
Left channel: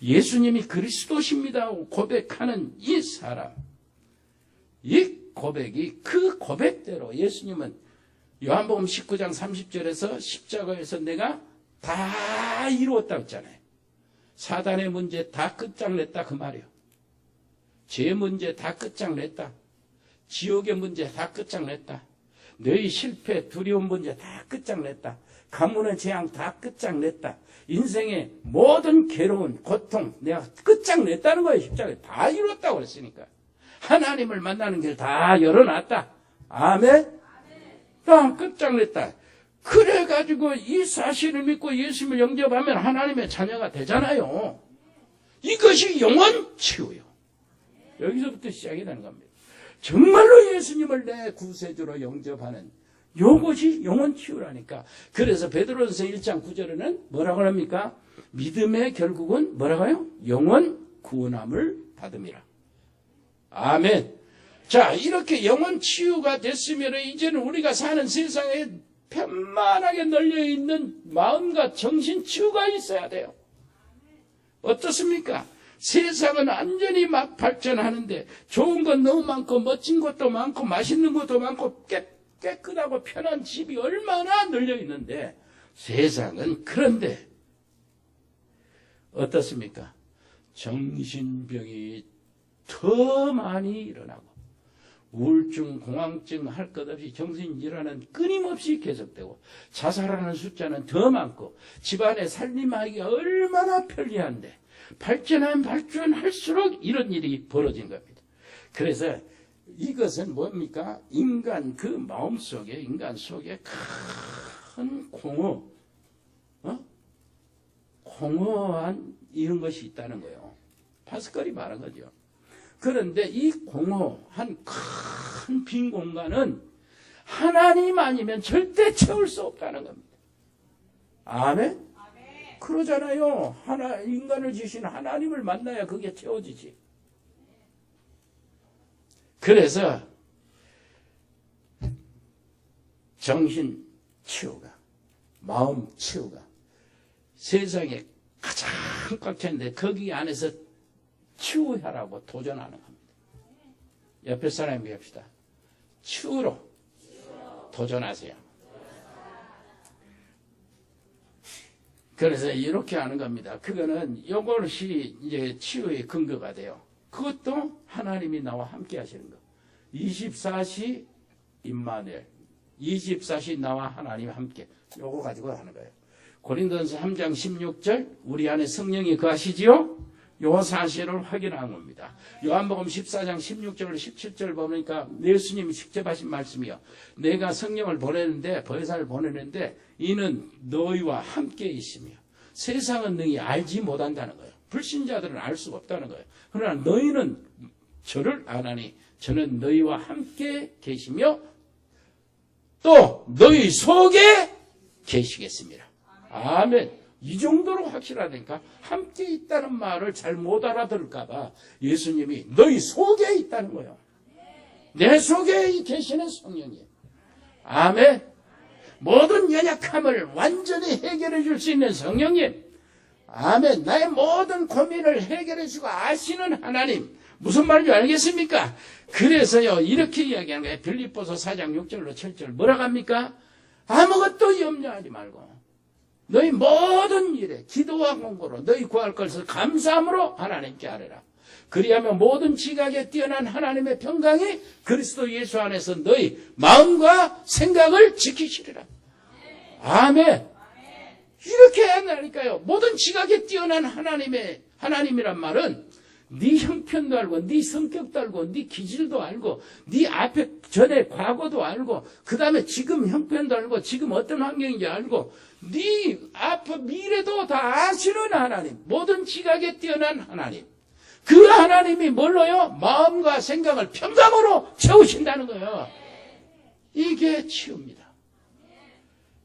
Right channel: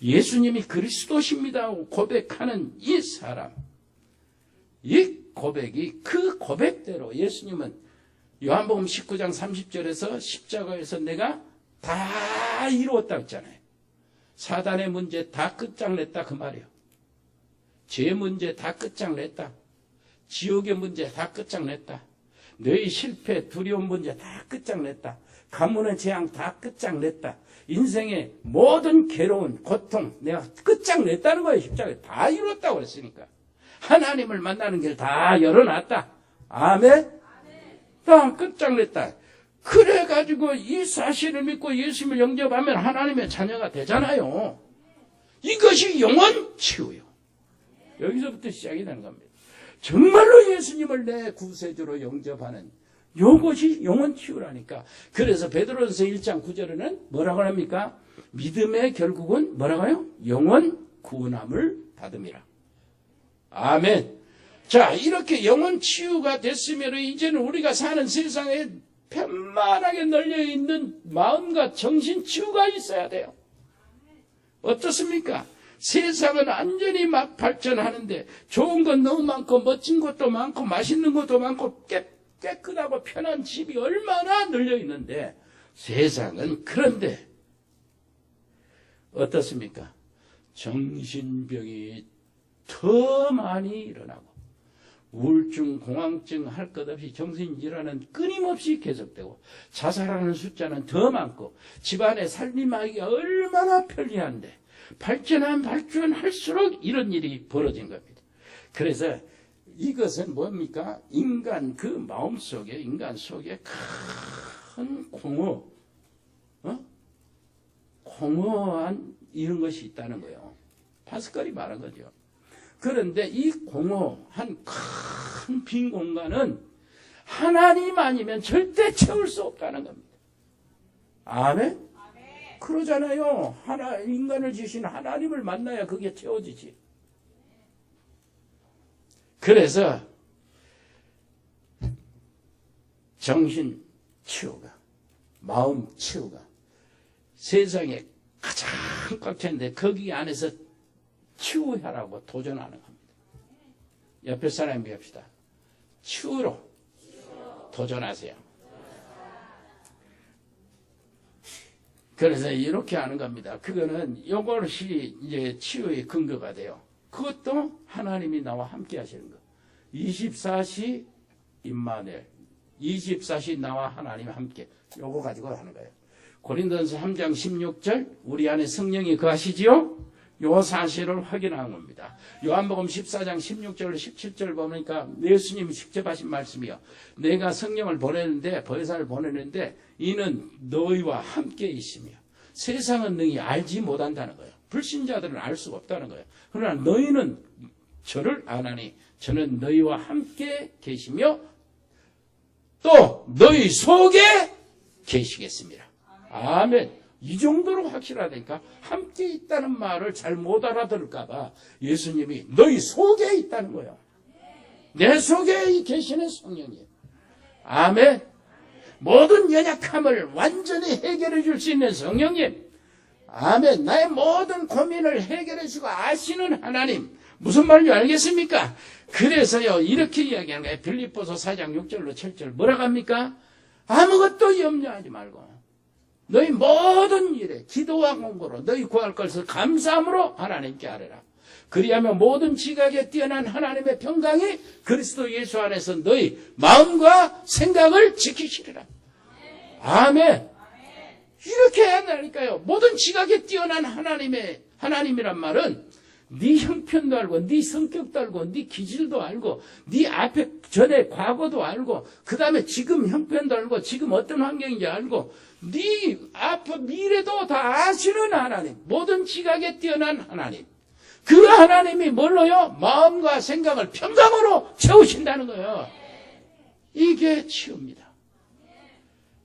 예수님이 그리스도십니다 고백하는 이 사람, 이 고백이 그 고백대로 예수님은 요한복음 19장 30절에서 십자가에서 내가 다 이루었다고 했잖아요. 사단의 문제 다 끝장냈다 그 말이에요. 죄 문제 다 끝장냈다. 지옥의 문제 다 끝장냈다. 너희 실패, 두려움 문제 다 끝장냈다. 가문의 재앙 다 끝장냈다. 인생의 모든 괴로운 고통 내가 끝장냈다는 거예요. 십자가에 다 이뤘다고 그랬으니까. 하나님을 만나는 길 다 열어놨다. 아멘? 다 끝장냈다. 그래가지고 이 사실을 믿고 예수님을 영접하면 하나님의 자녀가 되잖아요. 이것이 영혼 치유요. 여기서부터 시작이 되는 겁니다. 정말로 예수님을 내 구세주로 영접하는 이것이 영혼 치유라니까. 그래서 베드로전서 1장 9절에는 뭐라고 합니까? 믿음의 결국은 뭐라고요? 영혼 구원함을 받음이라. 아멘. 자, 이렇게 영혼 치유가 됐으면 이제는 우리가 사는 세상에 편만하게 널려있는 마음과 정신 치유가 있어야 돼요. 어떻습니까? 세상은 완전히 막 발전하는데 좋은 건 너무 많고 멋진 것도 많고 맛있는 것도 많고 깨끗하고 편한 집이 얼마나 널려있는데 세상은 그런데 어떻습니까? 정신병이 더 많이 일어나고 우울증, 공황증 할 것 없이 정신질환은 끊임없이 계속되고 자살하는 숫자는 더 많고 집안에 살림하기가 얼마나 편리한데 발전할수록 이런 일이 벌어진 겁니다. 그래서 이것은 뭡니까? 인간 그 마음속에 인간 속에 큰 공허한 이런 것이 있다는 거예요. 파스칼이 말한 거죠. 그런데 이 공허한 큰 빈 공간은 하나님 아니면 절대 채울 수 없다는 겁니다. 아멘? 그러잖아요. 인간을 지신 하나님을 만나야 그게 채워지지. 그래서 정신 치유가, 마음 치유가 세상에 가장 꽉 찼는데 거기 안에서 치유하라고 도전하는 겁니다. 옆에 사람이 합시다. 치유로 도전하세요. 그래서 이렇게 하는 겁니다. 그거는 이것이 이제 치유의 근거가 돼요. 그것도 하나님이 나와 함께 하시는 거. 24시 임마누엘, 24시 나와 하나님 함께. 요거 가지고 하는 거예요. 고린도전서 3장 16절 우리 안에 성령이 거하시지요? 요 사실을 확인한 겁니다. 요한복음 14장 16절 17절 보니까 예수님이 직접 하신 말씀이요. 내가 성령을 보내는데 보혜사를 보내는데 이는 너희와 함께 있으며 세상은 너희 알지 못한다는 거예요. 불신자들은 알 수가 없다는 거예요. 그러나 너희는 저를 아나니 저는 너희와 함께 계시며 또 너희 속에 계시겠습니다. 아멘. 이 정도로 확실하다니까. 함께 있다는 말을 잘 못 알아들을까봐 예수님이 너희 속에 있다는 거예요. 내 속에 계시는 성령님. 아멘. 모든 연약함을 완전히 해결해 줄 수 있는 성령님. 아멘. 나의 모든 고민을 해결해 주고 아시는 하나님. 무슨 말인지 알겠습니까? 그래서요, 이렇게 이야기하는 거예요. 빌립보서 4장 6절로 7절. 뭐라고 합니까? 아무것도 염려하지 말고 너희 모든 일에 기도와 공고로 너희 구할 것을 감사함으로 하나님께 아뢰라. 그리하면 모든 지각에 뛰어난 하나님의 평강이 그리스도 예수 안에서 너희 마음과 생각을 지키시리라. 아멘. 이렇게 해야 하니까요. 모든 지각에 뛰어난 하나님이란 말은 네 형편도 알고, 네 성격도 알고, 네 기질도 알고, 네 앞에 전에 과거도 알고, 그 다음에 지금 형편도 알고, 지금 어떤 환경인지 알고, 네 앞에 미래도 다 아시는 하나님, 모든 지각에 뛰어난 하나님. 그 하나님이 뭘로요? 마음과 생각을 평강으로 채우신다는 거예요. 이게 치유입니다.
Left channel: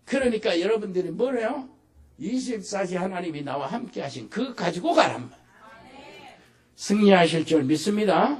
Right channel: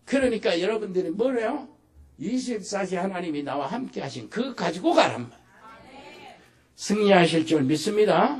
그러니까 여러분들이 뭐래요? 24시 하나님이 나와 함께 하신 그거 가지고 가란 말. 승리하실 줄 믿습니다.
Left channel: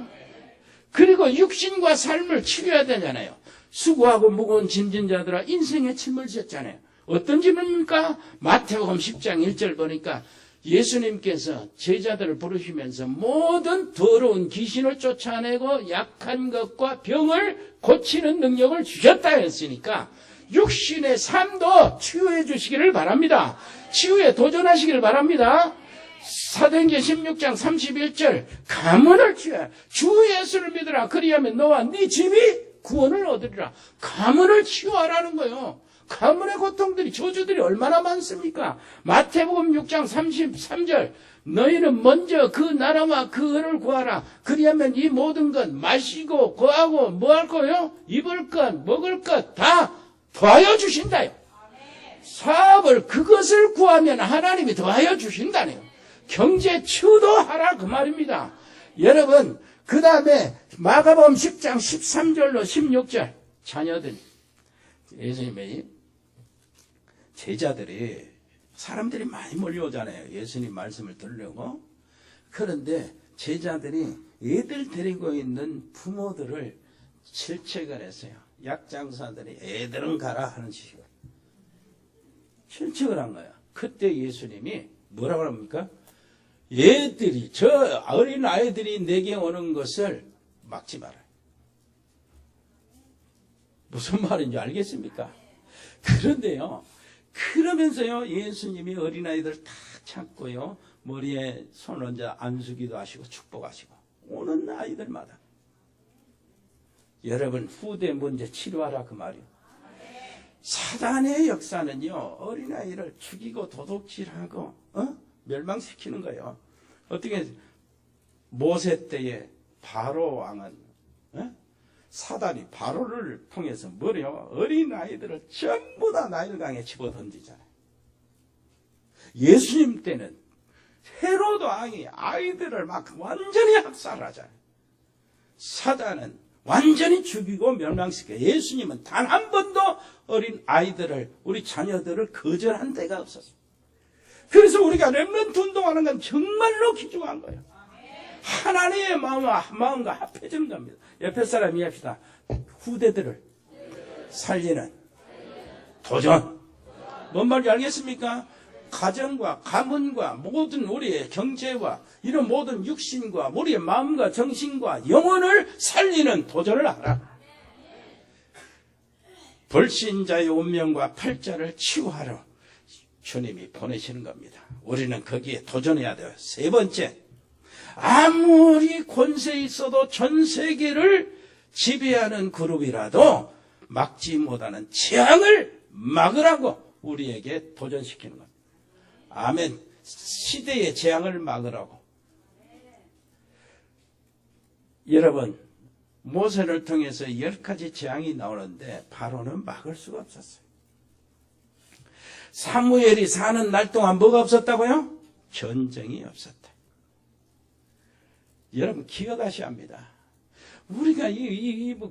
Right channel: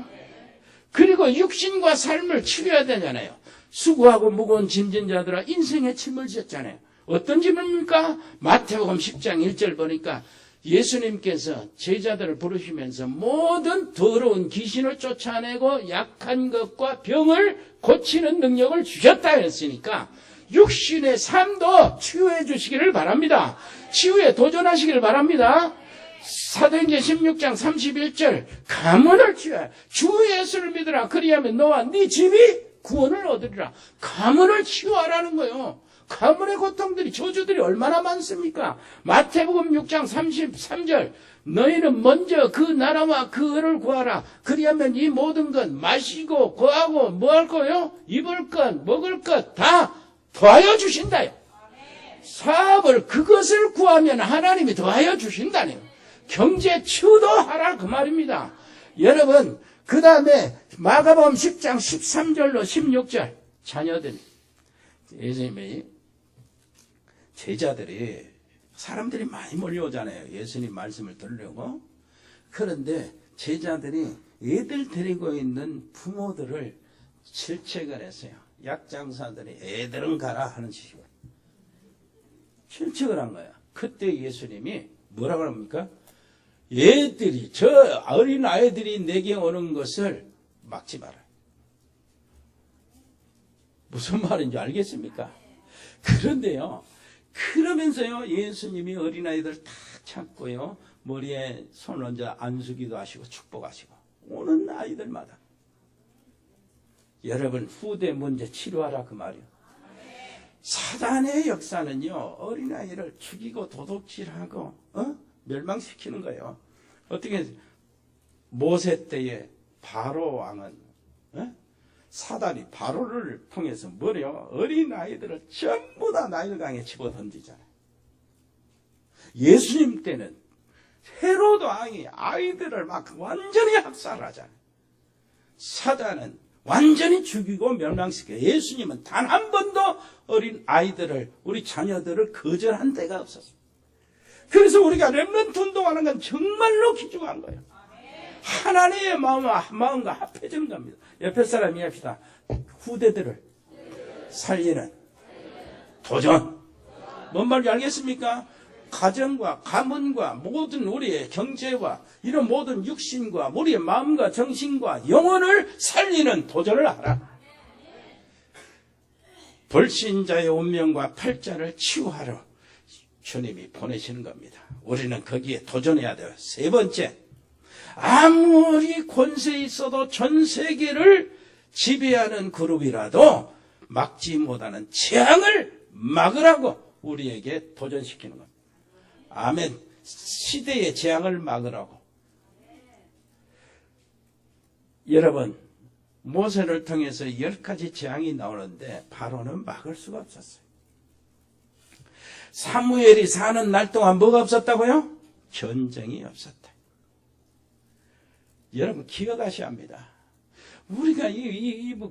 그리고 육신과 삶을 치료해야 되잖아요. 수고하고 무거운 짐진 자들아 인생의 짐을 지었잖아요. 어떤 짐입니까? 마태복음 10장 1절 보니까 예수님께서 제자들을 부르시면서 모든 더러운 귀신을 쫓아내고 약한 것과 병을 고치는 능력을 주셨다 했으니까 육신의 삶도 치유해 주시기를 바랍니다. 치유에 도전하시기를 바랍니다. 사도행전 16장 31절 가문을 치유해 주 예수를 믿으라. 그리하면 너와 네 집이 구원을 얻으리라. 가문을 치유하라는 거예요. 가문의 고통들이 저주들이 얼마나 많습니까? 마태복음 6장 33절 너희는 먼저 그 나라와 그 의를 구하라. 그리하면 이 모든 것 마시고 거하고 뭐 할 거요? 입을 것 먹을 것 다 더하여 주신다요. 사업을 그것을 구하면 하나님이 더하여 주신다네요. 경제 치유도 하라 그 말입니다. 여러분 그 다음에 마가복음 10장 13절로 16절 자녀들 예수님의 제자들이 사람들이 많이 몰려오잖아요. 예수님 말씀을 들으려고. 그런데 제자들이 애들 데리고 있는 부모들을 질책을 했어요. 약장사들이 애들은 가라 하는 식으로 질책을 한 거야. 그때 예수님이 뭐라고 합니까? 얘들이 저 어린 아이들이 내게 오는 것을 막지 마라. 무슨 말인지 알겠습니까? 그런데요. 그러면서요. 예수님이 어린아이들 다 찾고요. 머리에 손을 얹어 안수기도 하시고 축복하시고 오는 아이들마다 여러분 후대 문제 치료하라 그 말이에요. 사단의 역사는요. 어린아이를 죽이고 도둑질하고 멸망시키는 거예요. 어떻게 모세 때에 바로 왕은 사단이 바로를 통해서 뭐래요? 어린아이들을 전부 다 나일강에 집어던지잖아요. 예수님 때는 헤로드 왕이 아이들을 막 완전히 학살하잖아요. 사단은 완전히 죽이고 멸망시켜요. 예수님은 단 한 번도 어린 아이들을 우리 자녀들을 거절한 데가 없었어요. 그래서 우리가 렘넌트 운동하는 건 정말로 귀중한 거예요. 하나님의 마음과 합해지는 겁니다. 옆에 사람 이해합시다. 후대들을 살리는 도전. 뭔 말인지 알겠습니까? 가정과 가문과 모든 우리의 경제와 이런 모든 육신과 우리의 마음과 정신과 영혼을 살리는 도전을 하라. 불신자의 운명과 팔자를 치유하러 주님이 보내시는 겁니다. 우리는 거기에 도전해야 돼요. 세 번째, 아무리 권세 있어도 전 세계를 지배하는 그룹이라도 막지 못하는 재앙을 막으라고 우리에게 도전시키는 겁니다. 아멘. 시대의 재앙을 막으라고. 여러분, 모세를 통해서 10가지 재앙이 나오는데 바로는 막을 수가 없었어요. 사무엘이 사는 날 동안 뭐가 없었다고요? 전쟁이 없었다. 여러분 기억하셔야 합니다. 우리가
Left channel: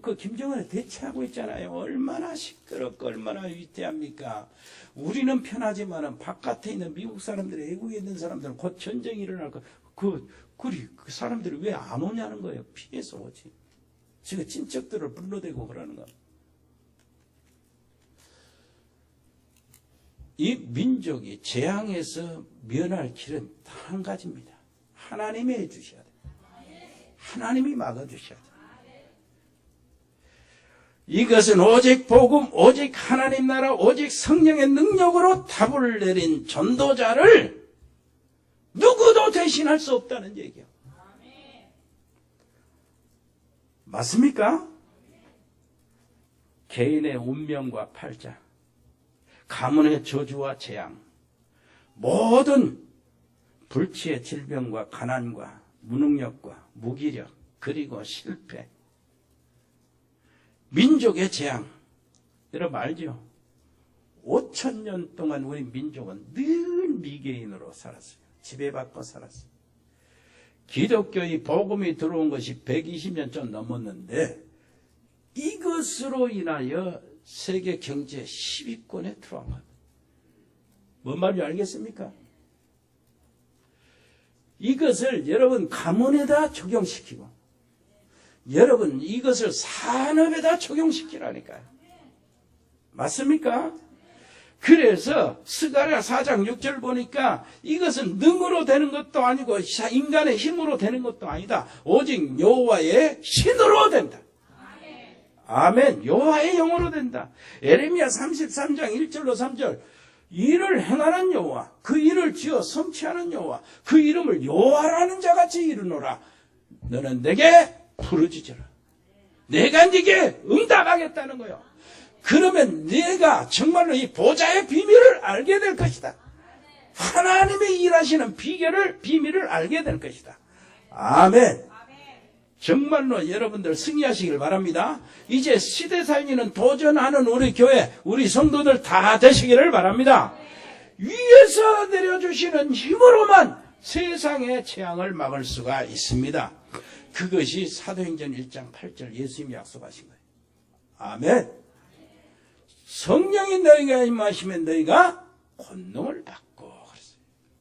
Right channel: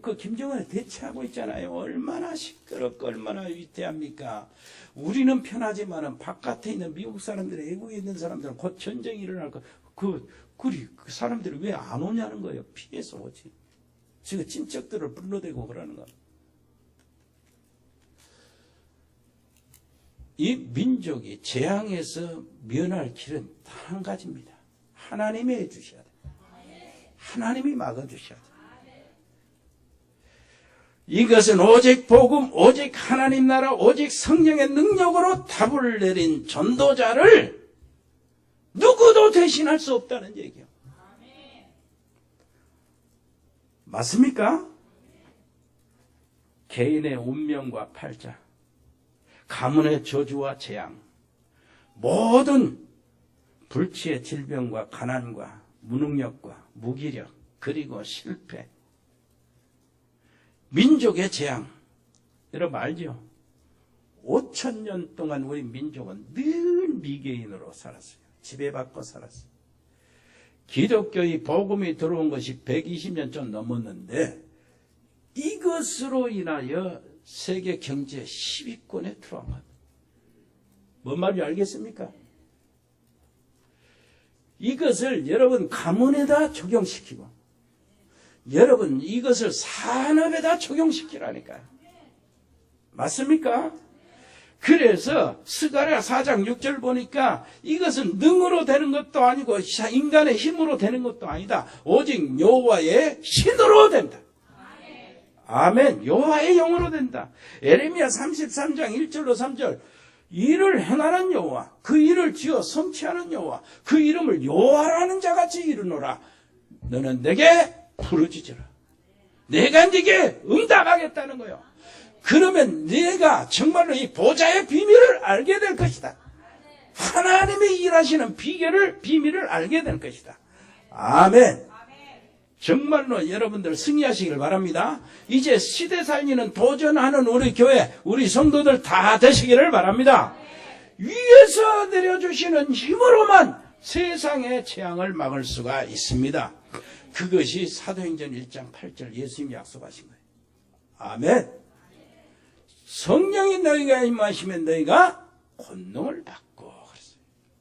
그 김정은에 대처하고 있잖아요. 얼마나 시끄럽고 얼마나 위태합니까? 우리는 편하지만은 바깥에 있는 미국 사람들, 외국에 있는 사람들은 곧 전쟁이 일어날 거. 그 사람들이 왜 안 오냐는 거예요. 피해서 오지. 지금 친척들을 불러대고 그러는 거. 이 민족이 재앙에서 면할 길은 단 한 가지입니다. 하나님이 해주셔야 돼요. 하나님이 막아주셔야 돼요. 이것은 오직 복음, 오직 하나님 나라, 오직 성령의 능력으로 답을 내린 전도자를 누구도 대신할 수 없다는 얘기예요. 맞습니까? 개인의 운명과 팔자, 가문의 저주와 재앙, 모든 불치의 질병과 가난과 무능력과 무기력, 그리고 실패, 민족의 재앙. 여러분 알죠? 5,000년 동안 우리 민족은 늘 미개인으로 살았어요. 지배받고 살았어요. 기독교의 복음이 들어온 것이 120년 좀 넘었는데 이것으로 인하여 세계 경제 10위권에 들어간 겁니다. 뭔 말인지 알겠습니까? 이것을 여러분 가문에다 적용시키고 여러분 이것을 산업에다 적용시키라니까요. 맞습니까? 그래서 스가랴 4장 6절 보니까 이것은 능으로 되는 것도 아니고 인간의 힘으로 되는 것도 아니다. 오직 여호와의 신으로 된다. 아멘. 여호와의 영으로 된다. 에레미야 33장 1절로 3절 일을 행하는 여호와, 그 일을 지어 성취하는 여호와, 그 이름을 여호와라는 자같이 이르노라. 너는 내게 부르짖으라. 내가 네게 응답하겠다는 거예요. 그러면 네가 정말로 이 보좌의 비밀을 알게 될 것이다. 하나님이 일하시는 비밀을 알게 될 것이다. 아멘. 정말로 여러분들 승리하시길 바랍니다. 이제 시대 살리는 도전하는 우리 교회, 우리 성도들 다 되시기를 바랍니다. 위에서 내려주시는 힘으로만 세상의 재앙을 막을 수가 있습니다. 그것이 사도행전 1장 8절 예수님이 약속하신 거예요. 아멘. 성령이 너희가 임하시면 너희가 권능을 받고 그랬어요.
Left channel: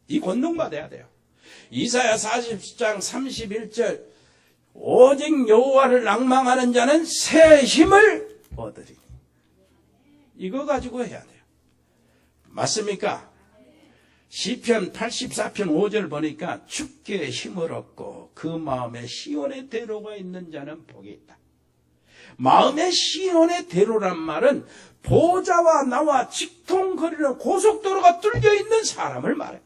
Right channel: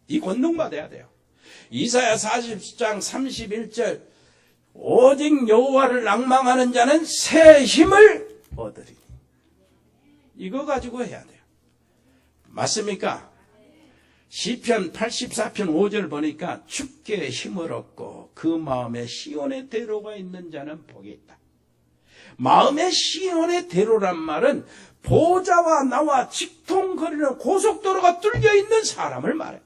이 권능 받아야 돼요. 이사야 40장 31절 오직 여호와를 낭망하는 자는 새 힘을 얻으리니. 이거 가지고 해야 돼요. 맞습니까? 시편 84편 5절 보니까 주께 힘을 얻고 그 마음에 시온의 대로가 있는 자는 복이 있다. 마음의 시온의 대로란 말은 보좌와 나와 직통거리는 고속도로가 뚫려 있는 사람을 말해요.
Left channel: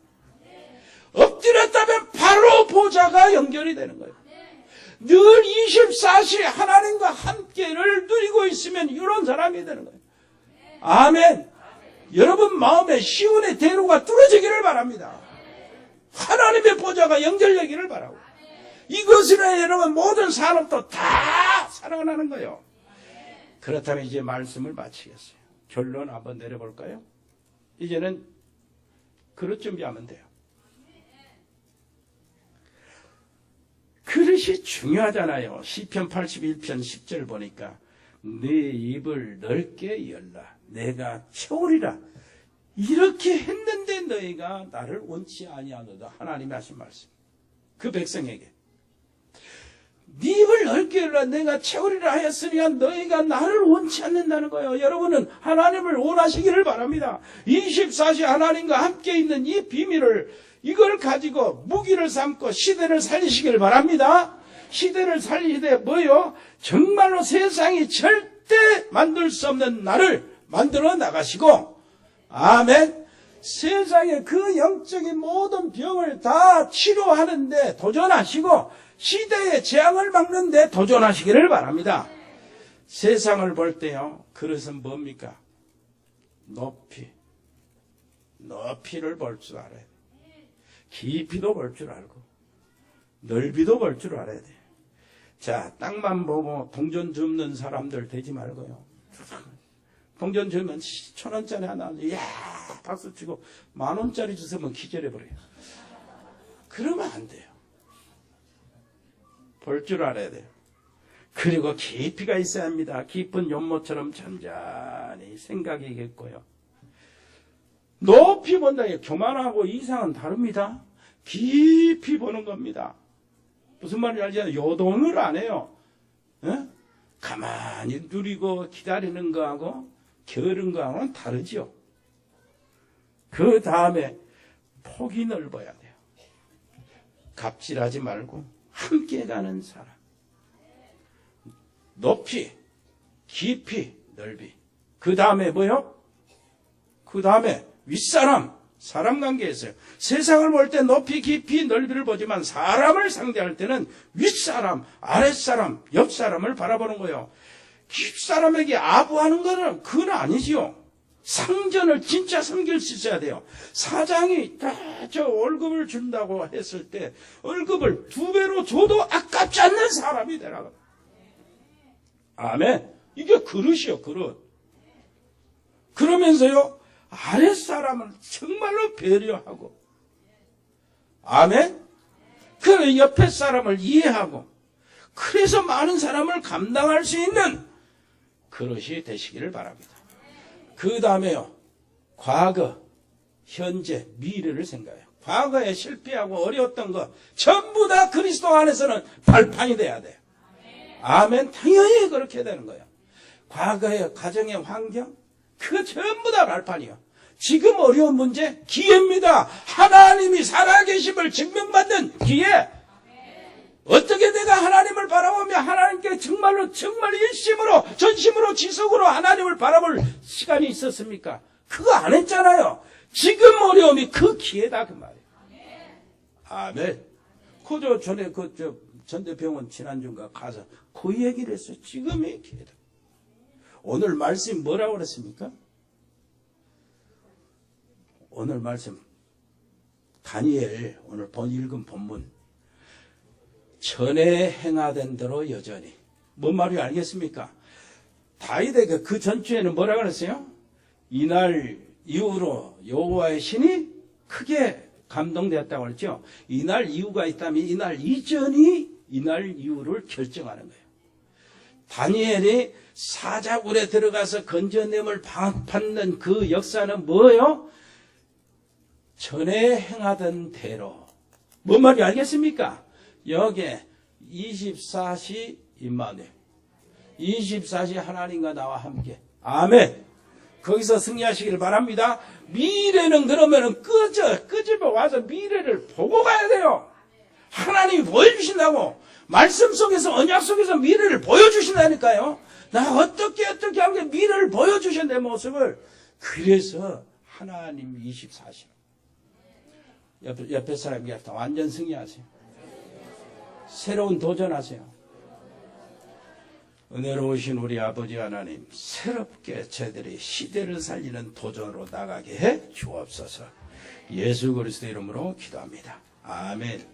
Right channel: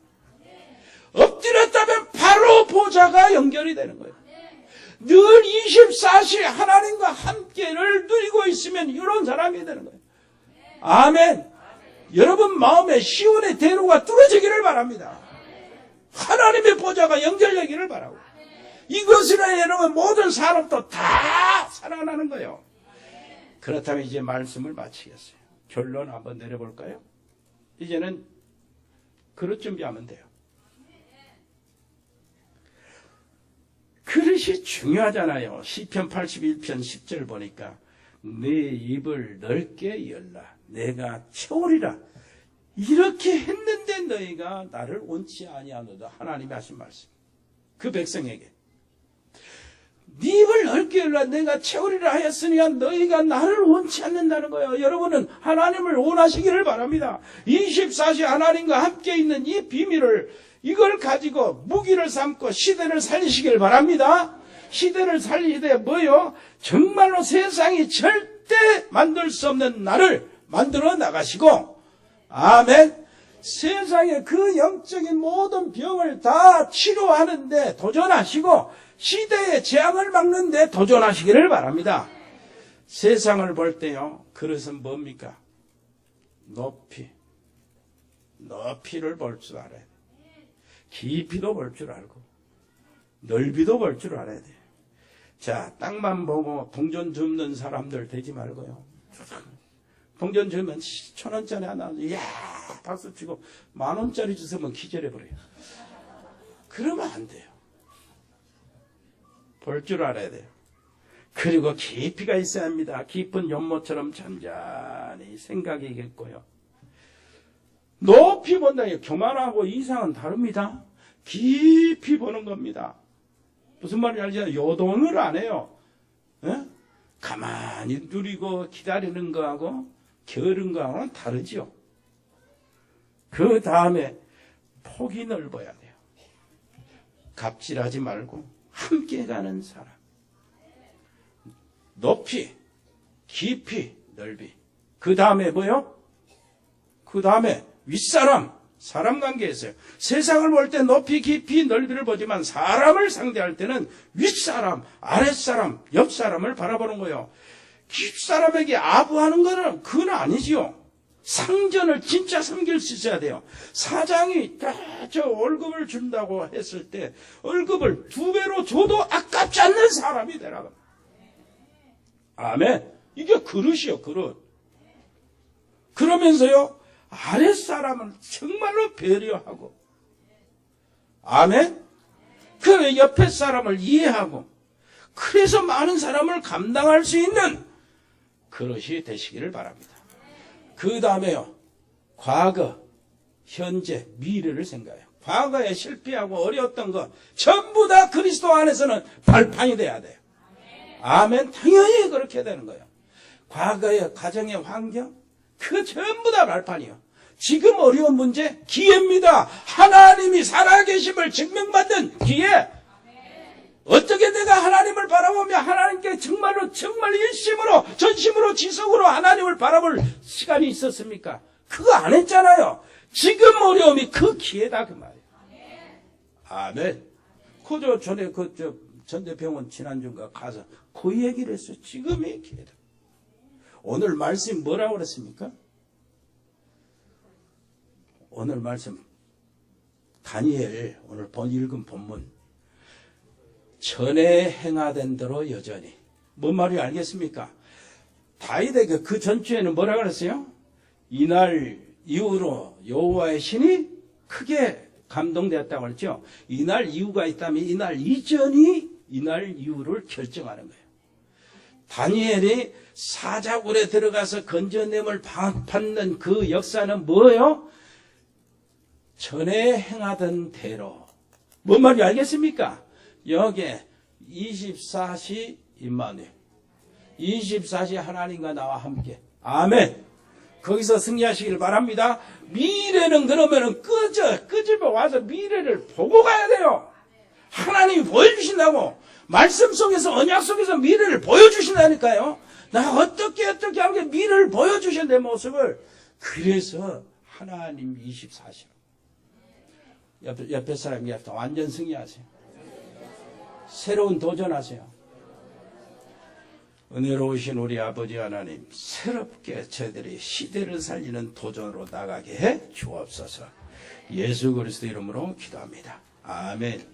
엎드렸다면 바로 보좌가 연결이 되는 거예요. 늘 24시 하나님과 함께를 누리고 있으면 이런 사람이 되는 거예요. 아멘. 여러분 마음에 시온의 대로가 뚫어지기를 바랍니다. 하나님의 보좌가 연결되기를 바라고. 이것으로 여러분 모든 산업도 다 살아나는 거예요. 그렇다면 이제 말씀을 마치겠어요. 결론 한번 내려볼까요? 이제는 그릇 준비하면 돼요. 그릇이 중요하잖아요. 시편 81편 10절 보니까 네 입을 넓게 열라 내가 채우리라. 이렇게 했는데 너희가 나를 원치 아니하노다. 하나님이 하신 말씀. 그 백성에게 네 입을 넓게 열라 내가 채우리라 하였으니까 너희가 나를 원치 않는다는 거예요. 여러분은 하나님을 원하시기를 바랍니다. 24시 하나님과 함께 있는 이 비밀을 이걸 가지고 무기를 삼고 시대를 살리시길 바랍니다. 시대를 살리시되 뭐요? 정말로 세상이 절대 만들 수 없는 나를 만들어 나가시고 아멘. 세상의 그 영적인 모든 병을 다 치료하는데 도전하시고 시대의 재앙을 막는데 도전하시기를 바랍니다. 세상을 볼 때요. 그것은 뭡니까? 높이를 볼 줄 알아야 돼. 깊이도 볼 줄 알고 넓이도 볼 줄 알아야 돼. 자, 땅만 보고 동전 줍는 사람들 되지 말고요. 동전 주면 1,000원짜리 하나 이야 박수치고 10,000원짜리 주시면 기절해버려요. 그러면 안 돼요. 볼 줄 알아야 돼요. 그리고 깊이가 있어야 합니다. 깊은 연못처럼 잔잔히 생각이 있고요. 높이 본다. 교만하고 이상은 다릅니다. 깊이 보는 겁니다. 무슨 말인지 알죠? 요동을 안 해요. 에? 가만히 누리고 기다리는 거하고 게으른 거하고는 다르죠. 그 다음에 폭이 넓어야 돼요. 갑질하지 말고 함께 가는 사람. 높이, 깊이, 넓이. 그 다음에 뭐요? 그 다음에 윗사람, 사람 관계에서요. 세상을 볼 때 높이, 깊이, 넓이를 보지만 사람을 상대할 때는 윗사람, 아랫사람, 옆사람을 바라보는 거예요. 윗사람에게 아부하는 거는 그건 아니지요. 상전을 진짜 섬길 수 있어야 돼요. 사장이 저 월급을 준다고 했을 때 월급을 2배로 줘도 아깝지 않는 사람이 되라고. 아멘. 이게 그릇이요, 그릇. 그러면서요, 아랫사람은 정말로 배려하고, 아멘. 그 옆에 사람을 이해하고, 그래서 많은 사람을 감당할 수 있는 그릇이 되시기를 바랍니다. 그 다음에요, 과거, 현재, 미래를 생각해요. 과거에 실패하고 어려웠던 거 전부 다 그리스도 안에서는 발판이 돼야 돼요. 아멘. 당연히 그렇게 되는 거예요. 과거의 가정의 환경, 그거 전부 다 발판이요. 지금 어려운 문제, 기회입니다. 하나님이 살아계심을 증명받는 기회. 어떻게 내가 하나님을 바라보며 하나님께 정말로 정말 일심으로 전심으로 지속으로 하나님을 바라볼 시간이 있었습니까? 그거 안 했잖아요. 지금 어려움이 그 기회다 그 말이에요. 아멘. 그저 전에 전대병원 지난주인가 가서 그 얘기를 했어요. 지금의 기회다. 오늘 말씀 뭐라고 그랬습니까? 오늘 말씀 다니엘 오늘 읽은 본문 전에 행하던 대로 여전히 뭔 말인지 알겠습니까? 다윗에게 그 전주에는 뭐라 그랬어요? 이날 이후로 여호와의 신이 크게 감동되었다고 그랬죠. 이날 이후가 있다면 이날 이전이 이날 이후를 결정하는 거예요. 다니엘이 사자굴에 들어가서 건져냄을 받는 그 역사는 뭐예요? 전에 행하던 대로. 뭔 말인지 알겠습니까? 여기에 24시 임마누엘, 24시 하나님과 나와 함께. 아멘. 거기서 승리하시길 바랍니다. 미래는 그러면은 끄집어 와서 미래를 보고 가야 돼요. 하나님이 보여주신다고. 말씀 속에서 언약 속에서 미래를 보여주신다니까요. 나 어떻게 하게 미래를 보여주신 내 모습을. 그래서 하나님 24시로 옆에 사람한테 완전 승리하세요. 새로운 도전하세요. 은혜로우신 우리 아버지 하나님, 새롭게 저희들이 시대를 살리는 도전으로 나가게 해 주옵소서. 예수 그리스도 이름으로 기도합니다. 아멘.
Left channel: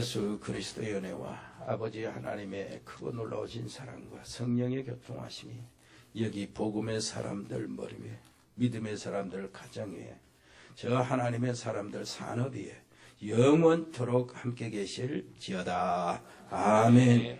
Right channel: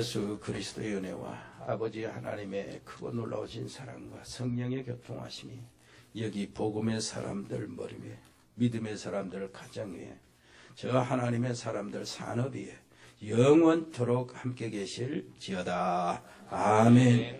예수 그리스도의 은혜와 아버지 하나님의 크고 놀라우신 사랑과 성령의 교통하심이 여기 복음의 사람들 머리 위에, 믿음의 사람들 가정 위에, 저 하나님의 사람들 산업 위에 영원토록 함께 계실지어다. 아멘.